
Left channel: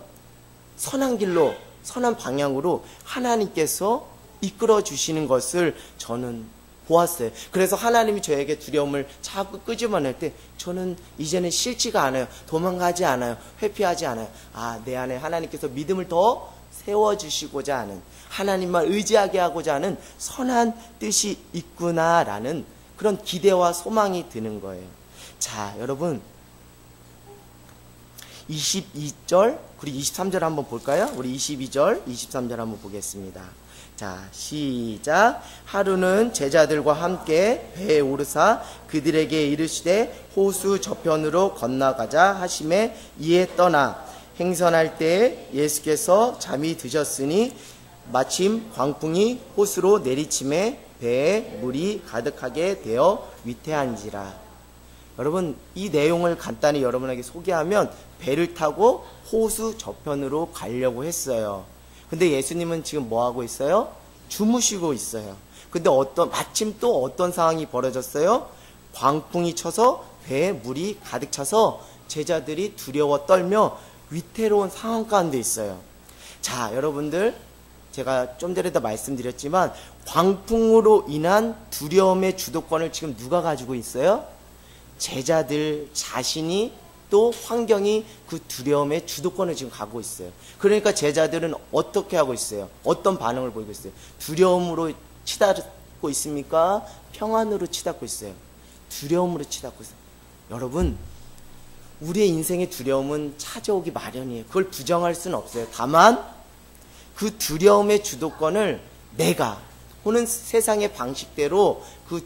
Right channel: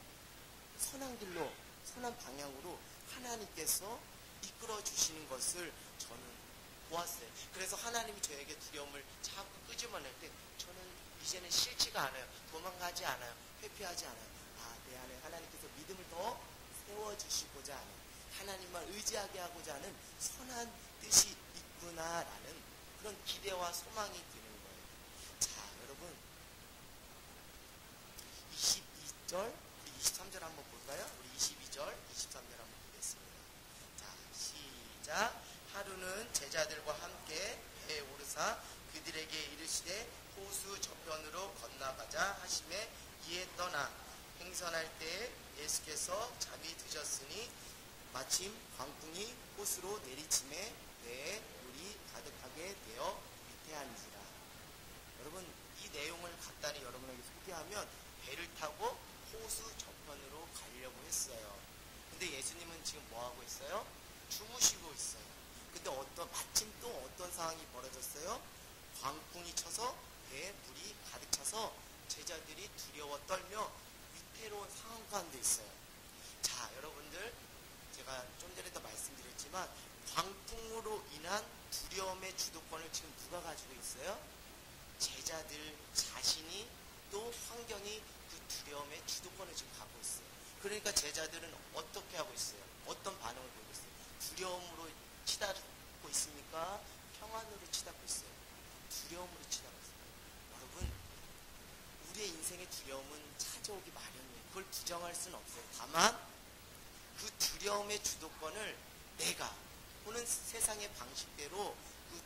선한 길로, 선한 방향으로 하나님께서 이끌어 주시는 것을 저는 보았어요. 그래서 하나님이 저에게 두려움을 자꾸 끄집어낼 때 저는 이제는 싫지가 않아요. 도망가지 않아요. 회피하지 않아요. 내 안에 하나님께서 믿음을 더 세워주시고자 하는, 하나님만 의지하게 하고자 하는 선한 뜻이 있구나라는 그런 기대와 소망이 드는 거예요. 자, 여러분 22절 그리고 23절 한번 볼까요? 우리 22절 23절 한번 보겠습니다. 자, 시작. 하루는 제자들과 함께 배에 오르사 그들에게 이르시되 호수 저편으로 건너가자 하심에 이에 떠나 행선할 때 예수께서 잠이 드셨으니 마침 광풍이 호수로 내리침에 배에 물이 가득하게 되어 위태한지라. 여러분, 이 내용을 간단히 여러분에게 소개하면 배를 타고 호수 저편으로 가려고 했어요. 근데 예수님은 지금 뭐 하고 있어요? 주무시고 있어요. 근데 마침 또 어떤 상황이 벌어졌어요? 광풍이 쳐서 배에 물이 가득 차서 제자들이 두려워 떨며 위태로운 상황 가운데 있어요. 자, 여러분들, 제가 좀 전에도 말씀드렸지만 광풍으로 인한 두려움의 주도권을 지금 누가 가지고 있어요? 제자들 자신이, 또 환경이 그 두려움의 주도권을 지금 갖고 있어요. 그러니까 제자들은 어떻게 하고 있어요? 어떤 반응을 보이고 있어요? 두려움으로 치닫고 있습니까? 평안으로 치닫고 있어요? 두려움으로 치닫고 있어요. 여러분, 우리의 인생의 두려움은 찾아오기 마련이에요. 그걸 부정할 수는 없어요. 다만 그 두려움의 주도권을 내가 혹은 세상의 방식대로 그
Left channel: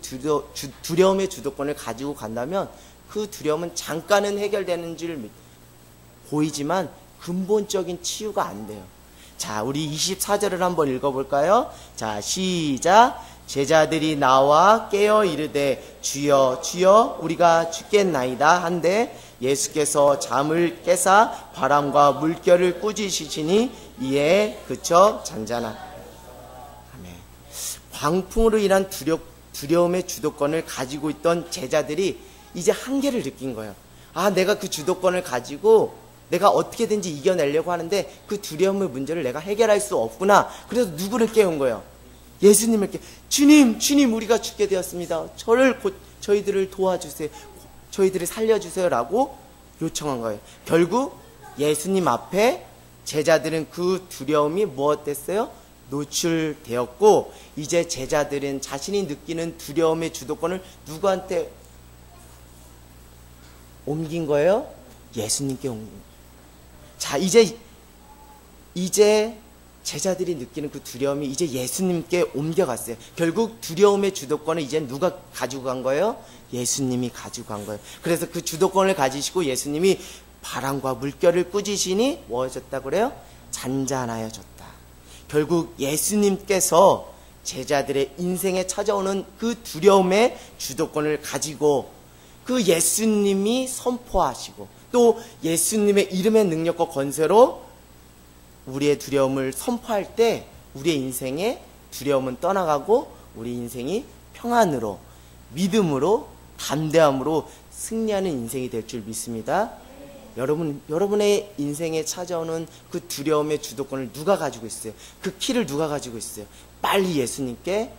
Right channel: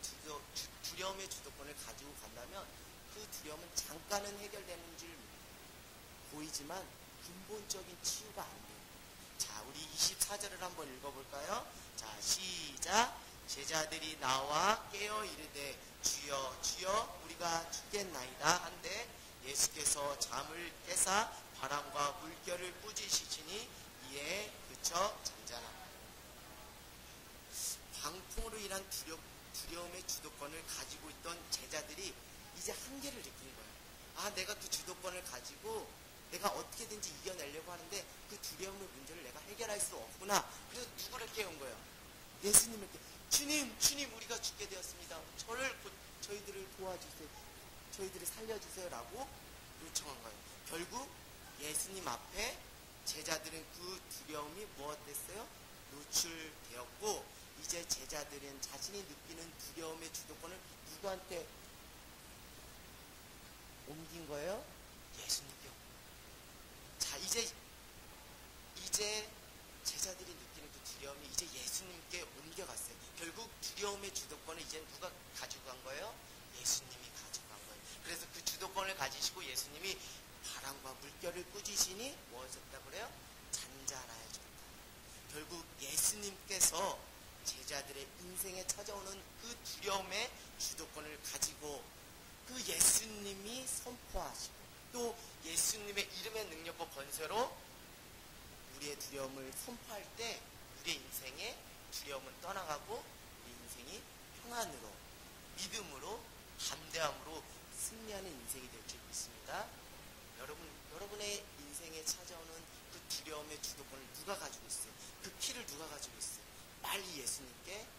두려움의 주도권을 가지고 간다면 그 두려움은 잠깐은 해결되는 줄 보이지만 근본적인 치유가 안 돼요. 자, 우리 24절을 한번 읽어볼까요? 자, 시작. 제자들이 나와 깨어 이르되 주여 주여 우리가 죽겠나이다 한데 예수께서 잠을 깨사 바람과 물결을 꾸짖으시니 이에 그쳐 잔잔하. 아멘. 광풍으로 인한 두려움의 주도권을 가지고 있던 제자들이 이제 한계를 느낀 거예요. 아, 내가 그 주도권을 가지고 내가 어떻게든지 이겨내려고 하는데 그 두려움의 문제를 내가 해결할 수 없구나. 그래서 누구를 깨운 거예요? 예수님을 주님 우리가 죽게 되었습니다. 저희들을 도와주세요. 저희들을 살려주세요 라고 요청한 거예요. 결국 예수님 앞에 제자들은 그 두려움이 무엇됐어요? 노출되었고 이제 제자들은 자신이 느끼는 두려움의 주도권을 누구한테 옮긴 거예요? 예수님께 옮긴 거예요. 자, 이제 제자들이 느끼는 그 두려움이 이제 예수님께 옮겨갔어요. 결국 두려움의 주도권을 이제 누가 가지고 간 거예요? 예수님이 가지고 간 거예요. 그래서 그 주도권을 가지시고 예수님이 바람과 물결을 꾸짖으시니 뭐하셨다 그래요? 잔잔하여졌다. 결국 예수님께서 제자들의 인생에 찾아오는 그 두려움의 주도권을 가지고 그 예수님이 선포하시고 또 예수님의 이름의 능력과 권세로 우리의 두려움을 선포할 때 우리의 인생의 두려움은 떠나가고 우리 인생이 평안으로 믿음으로 담대함으로 승리하는 인생이 될 줄 믿습니다. 여러분의 인생에 찾아오는 그 두려움의 주도권을 누가 가지고 있어요? 그 키를 누가 가지고 있어요? 빨리 예수님께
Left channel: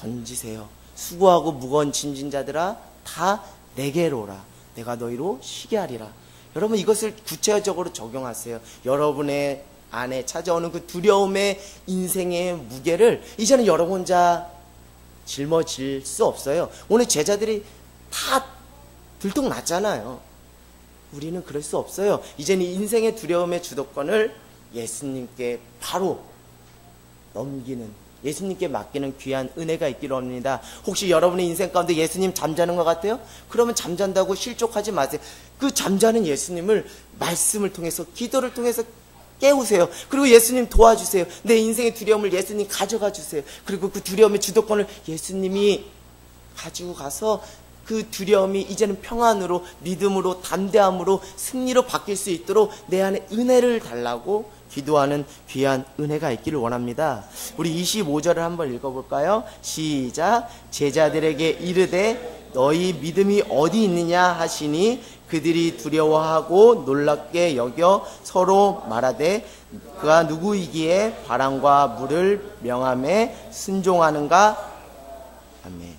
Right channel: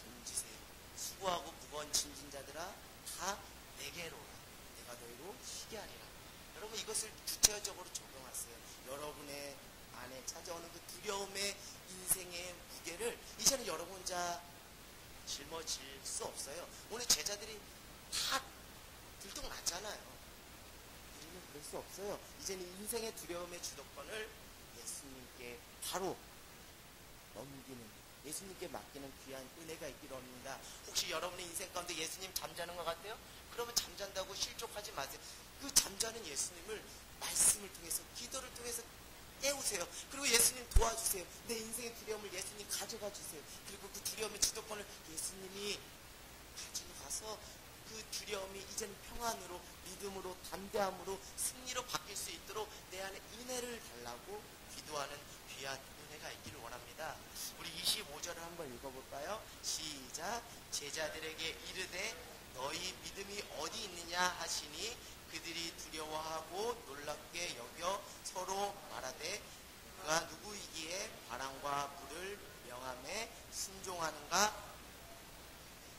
던지세요. 수고하고 무거운 짐진 자들아 다 내게로 오라. 내가 너희로 쉬게 하리라. 여러분 이것을 구체적으로 적용하세요. 여러분의 안에 찾아오는 그 두려움의 인생의 무게를 이제는 여러분 혼자 짊어질 수 없어요. 오늘 제자들이 다 들통났잖아요. 우리는 그럴 수 없어요. 이제는 인생의 두려움의 주도권을 예수님께 바로 넘기는, 예수님께 맡기는 귀한 은혜가 있기를 합니다. 혹시 여러분의 인생 가운데 예수님 잠자는 것 같아요? 그러면 잠잔다고 실족하지 마세요. 그 잠자는 예수님을 말씀을 통해서, 기도를 통해서 깨우세요. 그리고 예수님 도와주세요. 내 인생의 두려움을 예수님 가져가 주세요. 그리고 그 두려움의 주도권을 예수님이 가지고 가서 그 두려움이 이제는 평안으로, 믿음으로, 담대함으로, 승리로 바뀔 수 있도록 내 안에 은혜를 달라고 기도하는 귀한 은혜가 있기를 원합니다. 우리 25절을 한번 읽어볼까요? 시작. 제자들에게 이르되 너희 믿음이 어디 있느냐 하시니 그들이 두려워하고 놀랍게 여겨 서로 말하되 그가 누구이기에 바람과 물을 명함에 순종하는가? 아멘.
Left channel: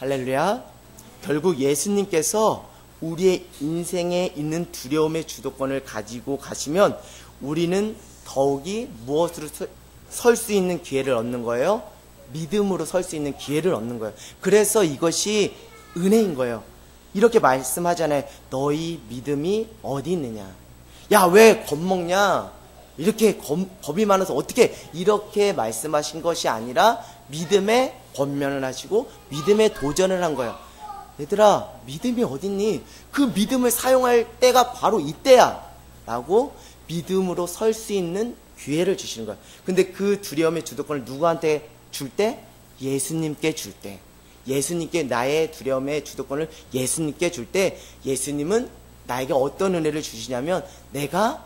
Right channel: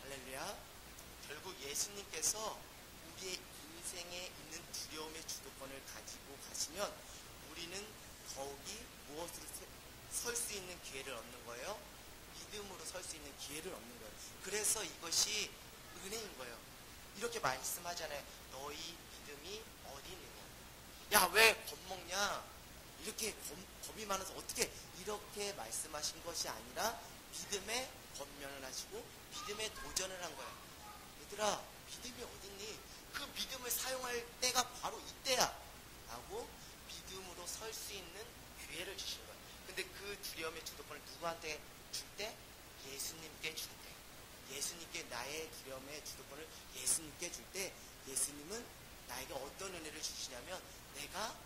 할렐루야. 결국 예수님께서 우리의 인생에 있는 두려움의 주도권을 가지고 가시면 우리는 더욱이 무엇으로 설 수 있는 기회를 얻는 거예요? 믿음으로 설 수 있는 기회를 얻는 거예요. 그래서 이것이 은혜인 거예요. 이렇게 말씀하잖아요. 너희 믿음이 어디 있느냐? 야, 왜 겁먹냐? 이렇게 겁이 많아서 어떻게, 이렇게 말씀하신 것이 아니라 믿음의 권면을 하시고 믿음의 도전을 한 거예요. 얘들아, 믿음이 어딨니? 그 믿음을 사용할 때가 바로 이때야 라고 믿음으로 설 수 있는 기회를 주시는 거예요. 근데 그 두려움의 주도권을 누구한테 줄 때? 예수님께 줄 때. 예수님께, 나의 두려움의 주도권을 예수님께 줄 때 예수님은 나에게 어떤 은혜를 주시냐면 내가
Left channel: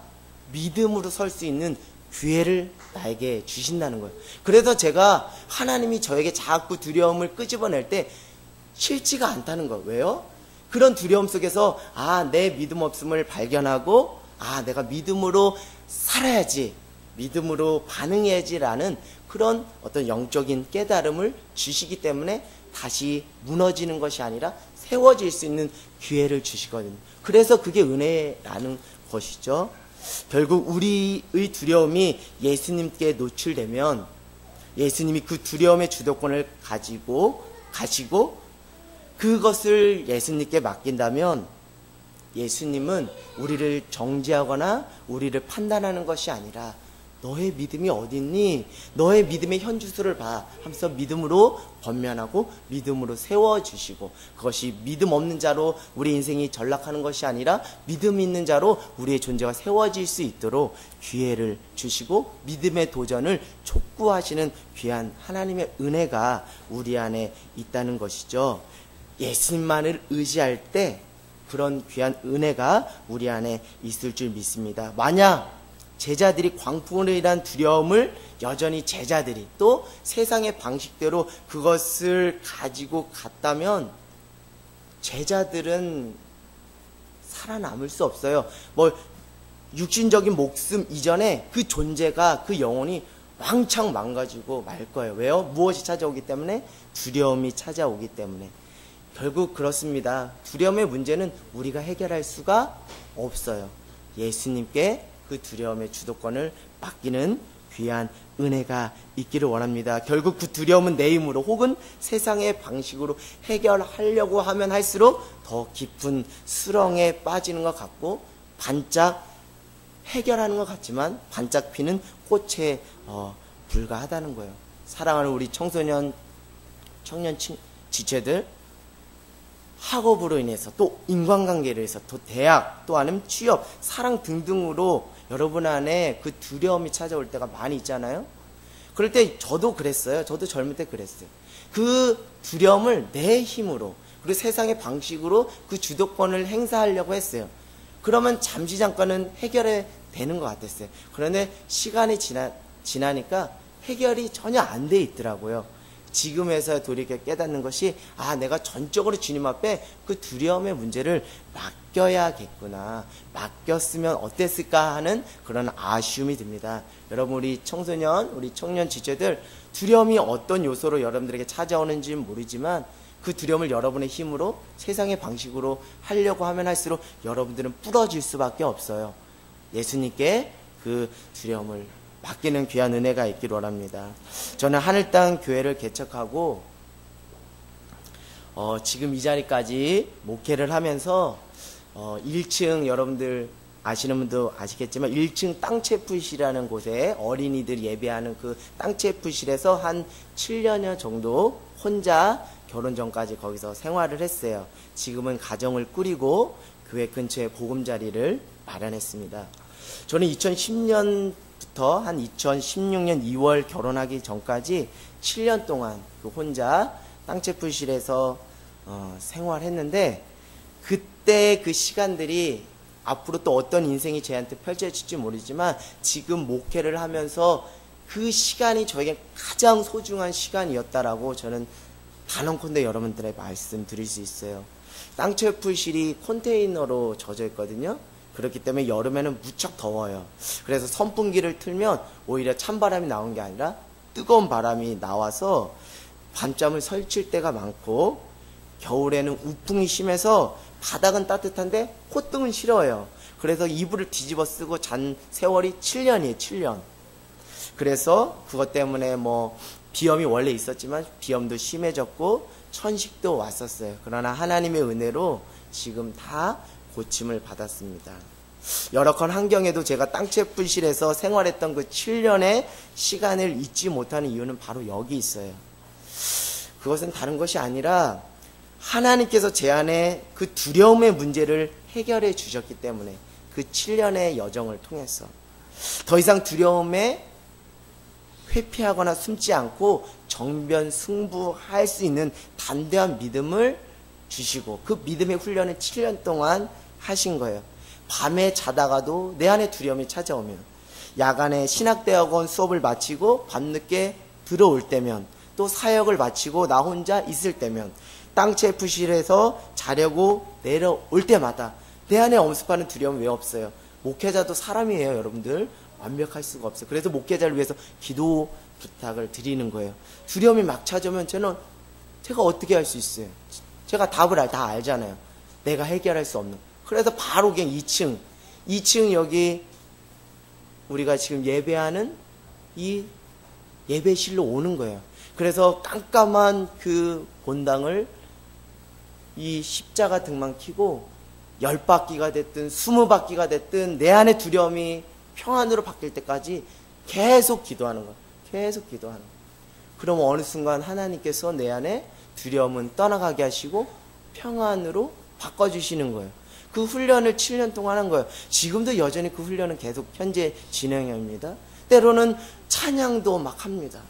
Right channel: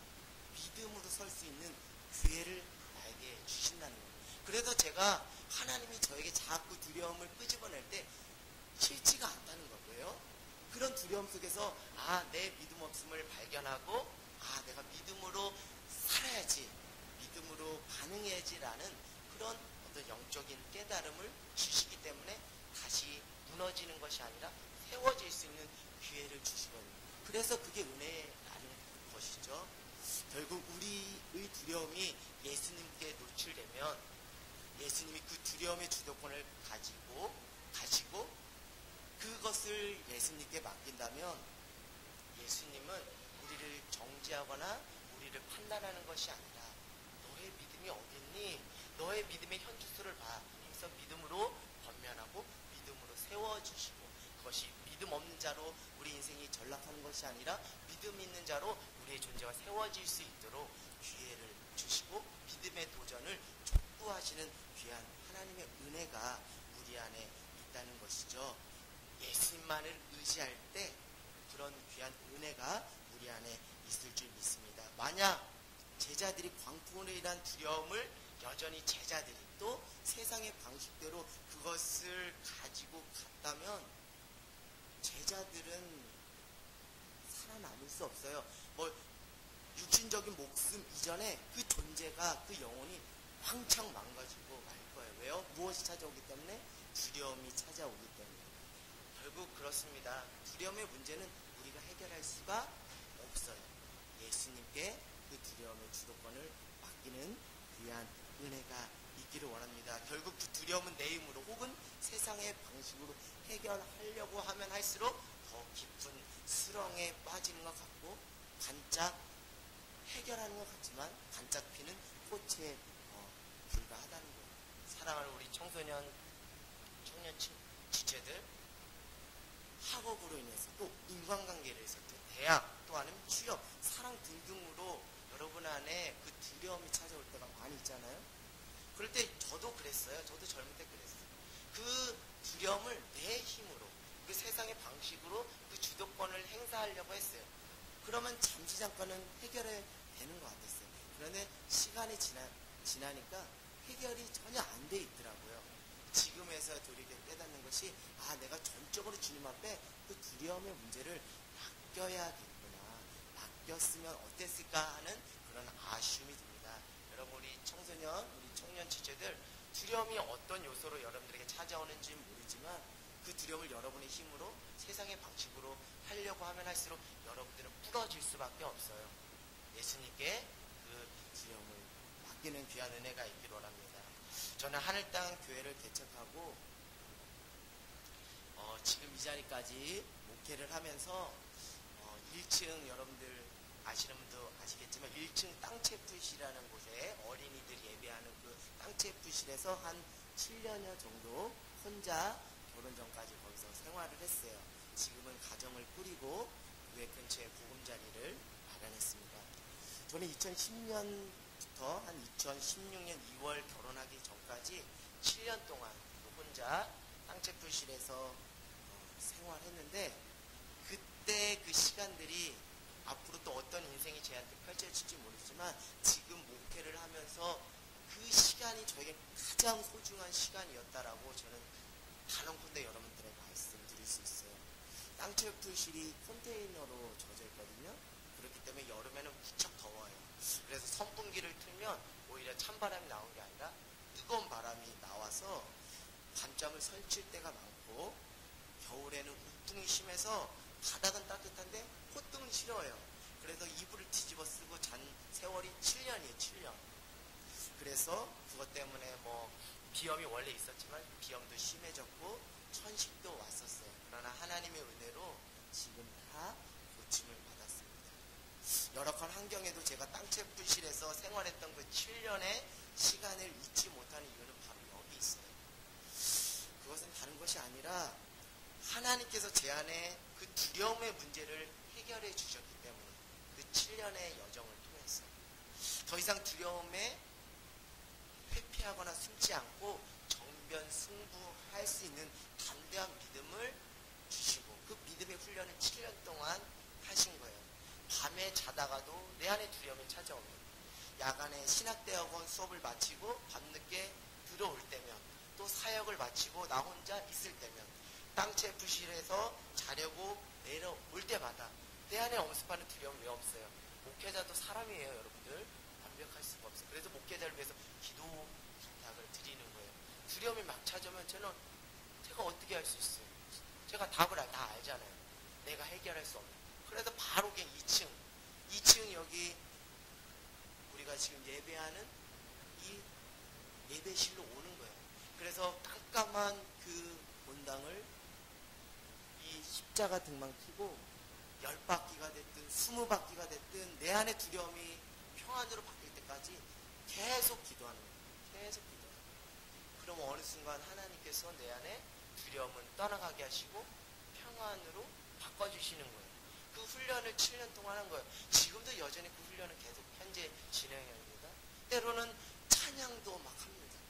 믿음으로 설 수 있는 기회를 나에게 주신다는 거예요. 그래서 제가 하나님이 저에게 자꾸 두려움을 끄집어낼 때 싫지가 않다는 거예요. 왜요? 그런 두려움 속에서 내 믿음 없음을 발견하고 내가 믿음으로 살아야지, 믿음으로 반응해야지라는 그런 어떤 영적인 깨달음을 주시기 때문에 다시 무너지는 것이 아니라 세워질 수 있는 기회를 주시거든요. 그래서 그게 은혜라는 것이죠. 결국 우리의 두려움이 예수님께 노출되면 예수님이 그 두려움의 주도권을 가지고 가시고 그것을 예수님께 맡긴다면 예수님은 우리를 정죄하거나 우리를 판단하는 것이 아니라 너의 믿음이 어딨니? 너의 믿음의 현주소를 봐 하면서 믿음으로 권면하고 믿음으로 세워주시고, 그것이 믿음 없는 자로 우리 인생이 전락하는 것이 아니라 믿음 있는 자로 우리의 존재가 세워질 수 있도록 기회를 주시고 믿음의 도전을 촉구하시는 귀한 하나님의 은혜가 우리 안에 있다는 것이죠. 예수님만을 의지할 때 그런 귀한 은혜가 우리 안에 있을 줄 믿습니다. 만약 제자들이 광풍으로 인한 두려움을 여전히 제자들이 또 세상의 방식대로 그것을 가지고 갔다면 제자들은 살아남을 수 없어요. 육신적인 목숨 이전에 그 존재가, 그 영혼이 왕창 망가지고 말 거예요. 왜요? 무엇이 찾아오기 때문에? 두려움이 찾아오기 때문에. 결국 그렇습니다. 두려움의 문제는 우리가 해결할 수가 없어요. 예수님께 그 두려움의 주도권을 맡기는 귀한 은혜가 있기를 원합니다. 결국 그 두려움은 내 힘으로 혹은 세상의 방식으로 해결하려고 하면 할수록 더 깊은 수렁에 빠지는 것 같고 반짝 해결하는 것 같지만 반짝 피는 꽃에 불과하다는 거예요. 사랑하는 우리 청년 지체들, 학업으로 인해서 또 인간관계로 해서 또 대학 또 아니면 취업, 사랑 등등으로 여러분 안에 그 두려움이 찾아올 때가 많이 있잖아요. 그럴 때 저도 그랬어요. 저도 젊을 때 그랬어요. 그 두려움을 내 힘으로 그리고 세상의 방식으로 그 주도권을 행사하려고 했어요. 그러면 잠시 잠깐은 해결이 되는 것 같았어요. 그런데 시간이 지나니까 해결이 전혀 안 돼 있더라고요. 지금에서 돌이켜 깨닫는 것이 내가 전적으로 주님 앞에 그 두려움의 문제를 맡겨야겠구나, 맡겼으면 어땠을까 하는 그런 아쉬움이 듭니다. 여러분, 우리 청소년, 우리 청년 지체들, 두려움이 어떤 요소로 여러분들에게 찾아오는지는 모르지만 그 두려움을 여러분의 힘으로 세상의 방식으로 하려고 하면 할수록 여러분들은 부러질 수밖에 없어요. 예수님께 그 두려움을 맡기는 귀한 은혜가 있기를 원합니다. 저는 하늘땅 교회를 개척하고 지금 이 자리까지 목회를 하면서 1층, 여러분들 아시는 분도 아시겠지만 1층 땅체프실이라는 곳에 어린이들 예배하는 그 땅체프실에서 한 7년여 정도 혼자 결혼 전까지 거기서 생활을 했어요. 지금은 가정을 꾸리고 교회 근처에 보금자리를 마련했습니다. 저는 2010년부터 한 2016년 2월 결혼하기 전까지 7년 동안 그 혼자 땅체프실에서 생활했는데, 그때 그 시간들이 앞으로 또 어떤 인생이 저한테 펼쳐질지 모르지만 지금 목회를 하면서 그 시간이 저에게 가장 소중한 시간이었다라고 저는 단언컨대 여러분들의 말씀드릴 수 있어요. 땅체프실이 컨테이너로 젖어 있거든요. 그렇기 때문에 여름에는 무척 더워요. 그래서 선풍기를 틀면 오히려 찬바람이 나오는 게 아니라 뜨거운 바람이 나와서 밤잠을 설칠 때가 많고, 겨울에는 우풍이 심해서 바닥은 따뜻한데 콧등은 시려워요. 그래서 이불을 뒤집어 쓰고 잔 세월이 7년이에요. 7년. 그래서 그것 때문에 뭐 비염이 원래 있었지만 비염도 심해졌고 천식도 왔었어요. 그러나 하나님의 은혜로 지금 다 고침을 받았습니다. 열악한 환경에도 제가 땅채불실에서 생활했던 그 7년의 시간을 잊지 못하는 이유는 바로 여기 있어요. 그것은 다른 것이 아니라 하나님께서 제 안에 그 두려움의 문제를 해결해 주셨기 때문에, 그 7년의 여정을 통해서 더 이상 두려움에 회피하거나 숨지 않고 정변 승부할 수 있는 담대한 믿음을 주시고, 그 믿음의 훈련을 7년 동안 하신 거예요. 밤에 자다가도 내 안에 두려움이 찾아오면, 야간에 신학대학원 수업을 마치고 밤늦게 들어올 때면, 또 사역을 마치고 나 혼자 있을 때면, 땅채프실에서 자려고 내려올 때마다 내 안에 엄습하는 두려움이 왜 없어요? 목회자도 사람이에요, 여러분들. 완벽할 수가 없어요. 그래서 목회자를 위해서 기도 부탁을 드리는 거예요. 두려움이 막 찾아오면 제가 어떻게 할 수 있어요? 제가 답을 다 알잖아요. 내가 해결할 수 없는. 그래서 바로 그냥 2층 여기 우리가 지금 예배하는 이 예배실로 오는 거예요. 그래서 깜깜한 그 본당을 이 십자가 등만 켜고 10바퀴가 됐든 20바퀴가 됐든 내 안의 두려움이 평안으로 바뀔 때까지 계속 기도하는 거예요. 계속 기도하는 거예요. 그럼 어느 순간 하나님께서 내 안에 두려움은 떠나가게 하시고 평안으로 바꿔주시는 거예요. 그 훈련을 7년 동안 한 거예요. 지금도 여전히 그 훈련은 계속 현재 진행형입니다. 때로는 찬양도 막 합니다.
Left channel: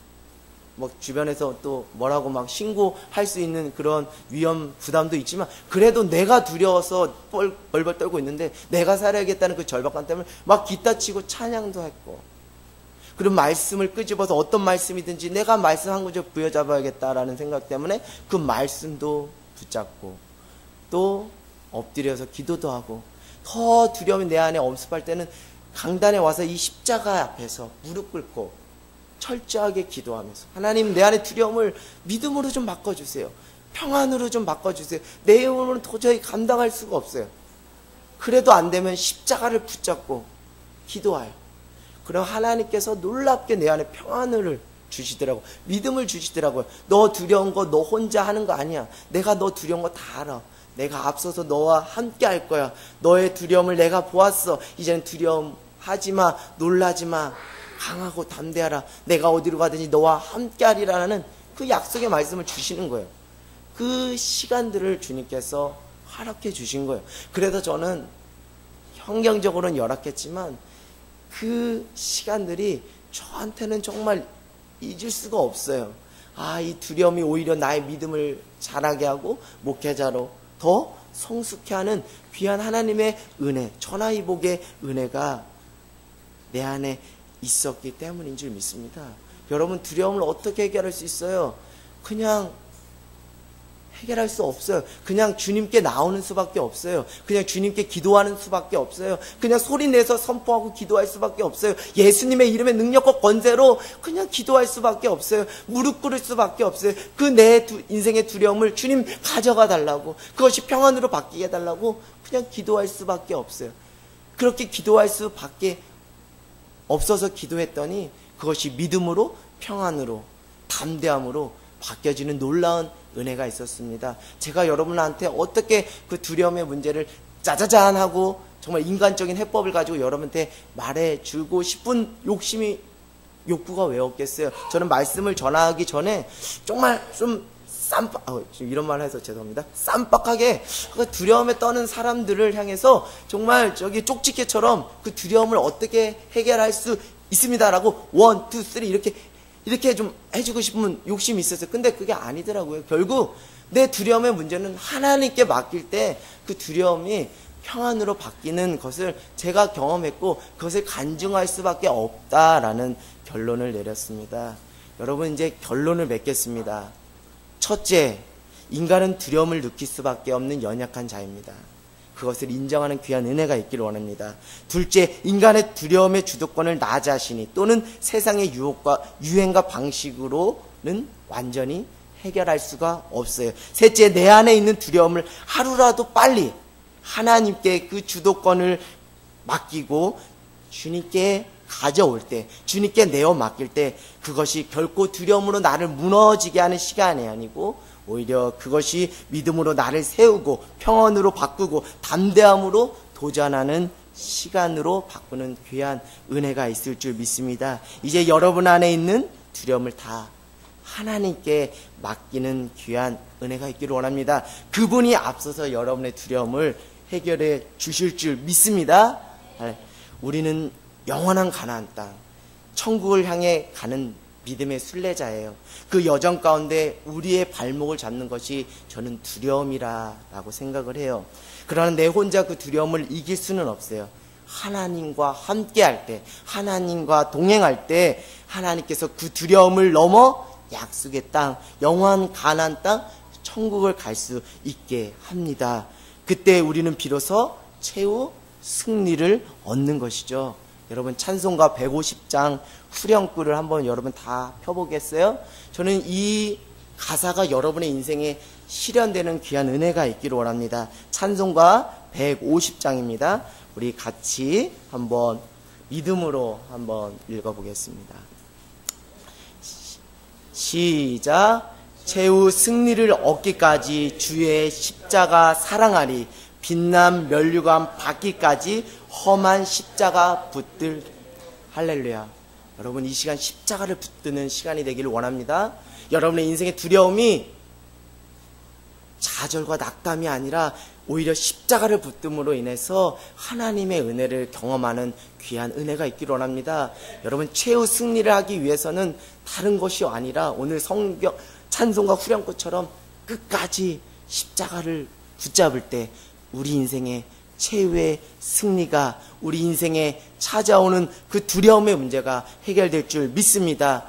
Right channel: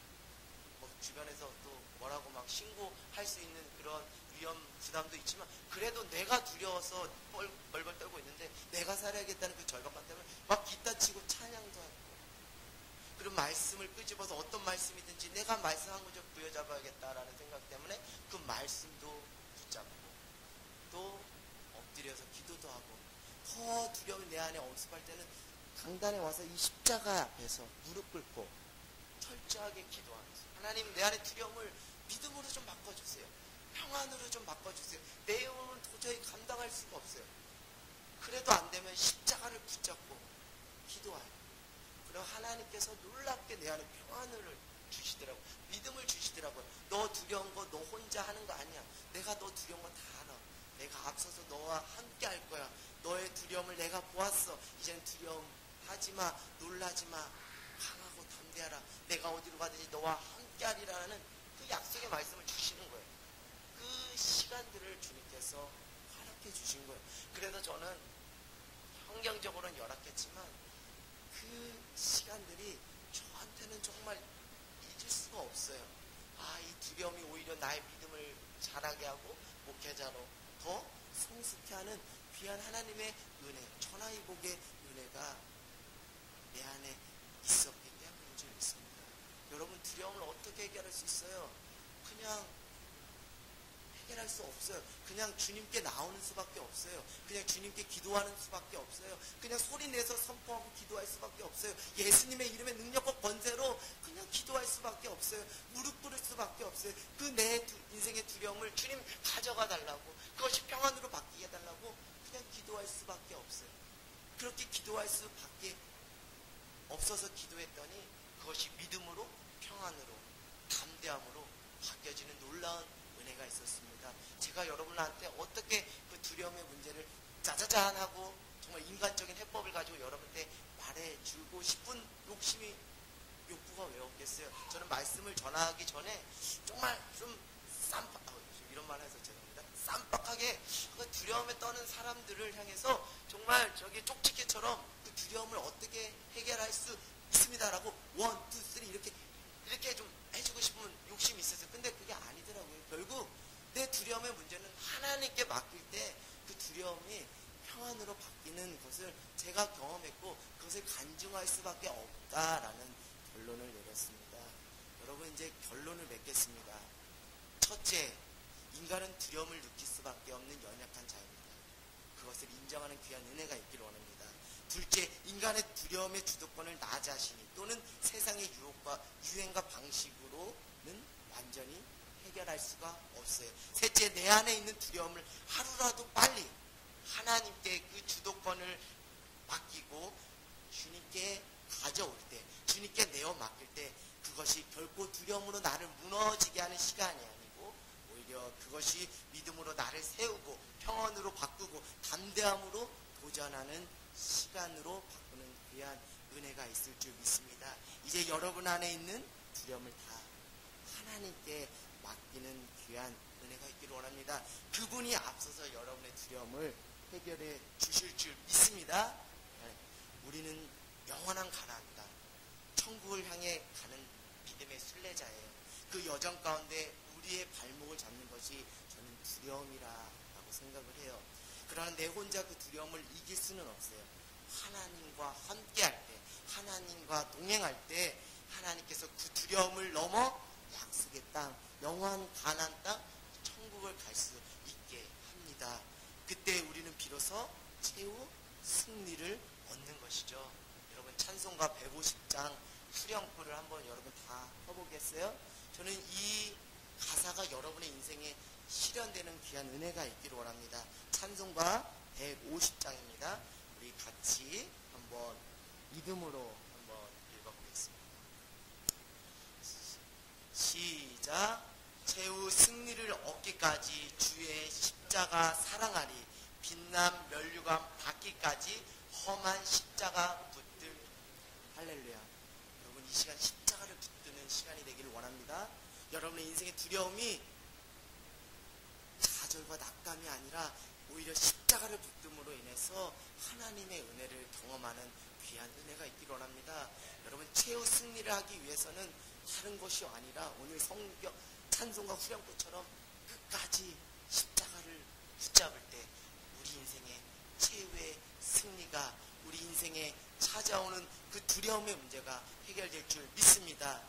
뭐 주변에서 또 뭐라고 막 신고할 수 있는 그런 위험 부담도 있지만, 그래도 내가 두려워서 벌벌 떨고 있는데 내가 살아야겠다는 그 절박감 때문에 막 기타 치고 찬양도 했고, 그런 말씀을 끄집어서 어떤 말씀이든지 내가 말씀 한 구절 부여잡아야겠다라는 생각 때문에 그 말씀도 붙잡고 또 엎드려서 기도도 하고, 더 두려움이 내 안에 엄습할 때는 강단에 와서 이 십자가 앞에서 무릎 꿇고 철저하게 기도하면서, 하나님 내 안에 두려움을 믿음으로 좀 바꿔주세요. 평안으로 좀 바꿔주세요. 내 힘으로는 도저히 감당할 수가 없어요. 그래도 안 되면 십자가를 붙잡고 기도해요. 그럼 하나님께서 놀랍게 내 안에 평안을 주시더라고, 믿음을 주시더라고요. 너 두려운 거 너 혼자 하는 거 아니야. 내가 너 두려운 거 다 알아. 내가 앞서서 너와 함께 할 거야. 너의 두려움을 내가 보았어. 이제는 두려움 하지마, 놀라지마, 강하고 담대하라. 내가 어디로 가든지 너와 함께 하리라는 그 약속의 말씀을 주시는 거예요. 그 시간들을 주님께서 허락해 주신 거예요. 그래서 저는 환경적으로는 열악했지만 그 시간들이 저한테는 정말 잊을 수가 없어요. 이 두려움이 오히려 나의 믿음을 자라게 하고 목회자로 더 성숙해 하는 귀한 하나님의 은혜, 천하이복의 은혜가 내 안에 있었기 때문인 줄 믿습니다. 여러분, 두려움을 어떻게 해결할 수 있어요? 그냥 해결할 수 없어요. 그냥 주님께 나오는 수밖에 없어요. 그냥 주님께 기도하는 수밖에 없어요. 그냥 소리내서 선포하고 기도할 수밖에 없어요. 예수님의 이름의 능력과 권세로 그냥 기도할 수밖에 없어요. 무릎 꿇을 수밖에 없어요. 그 내 인생의 두려움을 주님 가져가 달라고, 그것이 평안으로 바뀌게 해달라고 그냥 기도할 수밖에 없어요. 그렇게 기도할 수밖에 없어서 기도했더니 그것이 믿음으로, 평안으로, 담대함으로 바뀌어지는 놀라운 은혜가 있었습니다. 제가 여러분한테 어떻게 그 두려움의 문제를 짜자잔 하고 정말 인간적인 해법을 가지고 여러분한테 말해주고 싶은 욕구가 왜 없겠어요? 저는 말씀을 전하기 전에 정말 좀 이런 말 해서 죄송합니다. 쌈박하게 그 두려움에 떠는 사람들을 향해서 정말 쪽지게처럼 그 두려움을 어떻게 해결할 수 있습니다라고 1, 2, 3 이렇게 좀 해주고 싶은 욕심이 있었어요. 근데 그게 아니더라고요. 결국 내 두려움의 문제는 하나님께 맡길 때 그 두려움이 평안으로 바뀌는 것을 제가 경험했고, 그것을 간증할 수밖에 없다라는 결론을 내렸습니다. 여러분, 이제 결론을 맺겠습니다. 첫째, 인간은 두려움을 느낄 수밖에 없는 연약한 자입니다. 그것을 인정하는 귀한 은혜가 있기를 원합니다. 둘째, 인간의 두려움의 주도권을 나 자신이 또는 세상의 유행과 방식으로는 완전히 해결할 수가 없어요. 셋째, 내 안에 있는 두려움을 하루라도 빨리 하나님께 그 주도권을 맡기고 주님께 가져올 때, 주님께 내어 맡길 때 그것이 결코 두려움으로 나를 무너지게 하는 시간이 아니고 오히려 그것이 믿음으로 나를 세우고 평안으로 바꾸고 담대함으로 도전하는 시간으로 바꾸는 귀한 은혜가 있을 줄 믿습니다. 이제 여러분 안에 있는 두려움을 다 하나님께 맡기는 귀한 은혜가 있기를 원합니다. 그분이 앞서서 여러분의 두려움을 해결해 주실 줄 믿습니다. 우리는 영원한 가나안 땅, 천국을 향해 가는 믿음의 순례자예요. 그 여정 가운데 우리의 발목을 잡는 것이 저는 두려움이라고 생각을 해요. 그러나 내 혼자 그 두려움을 이길 수는 없어요. 하나님과 함께 할 때, 하나님과 동행할 때 하나님께서 그 두려움을 넘어 약속의 땅, 영원한 가나안 땅, 천국을 갈 수 있게 합니다. 그때 우리는 비로소 최후 승리를 얻는 것이죠. 여러분 찬송가 150장 후렴구를 한번 여러분 다 펴보겠어요? 저는 이 가사가 여러분의 인생에 실현되는 귀한 은혜가 있기를 원합니다. 찬송가 150장입니다. 우리 같이 한번 믿음으로 한번 읽어보겠습니다. 시작. 최후 승리를 얻기까지 주의 십자가 사랑하리. 빛남 면류관 받기까지 험한 십자가 붙들. 할렐루야. 여러분 이 시간 십자가를 붙드는 시간이 되기를 원합니다. 여러분의 인생의 두려움이 좌절과 낙담이 아니라 오히려 십자가를 붙듦으로 인해서 하나님의 은혜를 경험하는 귀한 은혜가 있기를 원합니다. 여러분 최후 승리를 하기 위해서는 다른 것이 아니라 오늘 성경 찬송과 후렴구처럼 끝까지 십자가를 붙잡을 때 우리 인생의 최후의 승리가, 우리 인생에 찾아오는 그 두려움의 문제가 해결될 줄 믿습니다.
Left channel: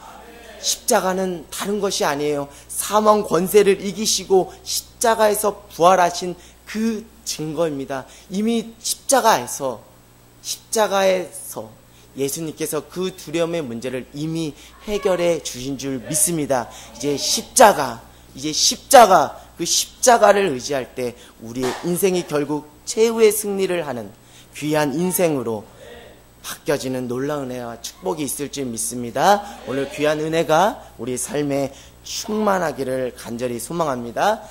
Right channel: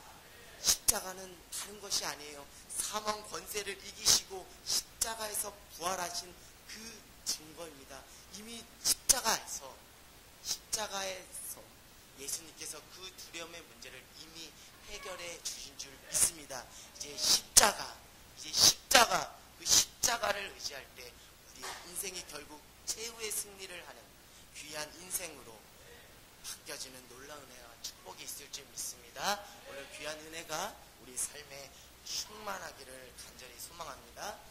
십자가는 다른 것이 아니에요. 사망 권세를 이기시고 십자가에서 부활하신 그 증거입니다. 이미 십자가에서 예수님께서 그 두려움의 문제를 이미 해결해 주신 줄 믿습니다. 이제 십자가, 그 십자가를 의지할 때 우리의 인생이 결국 최후의 승리를 하는 귀한 인생으로 바뀌어지는 놀라운 은혜와 축복이 있을 줄 믿습니다. 오늘 귀한 은혜가 우리 삶에 충만하기를 간절히 소망합니다.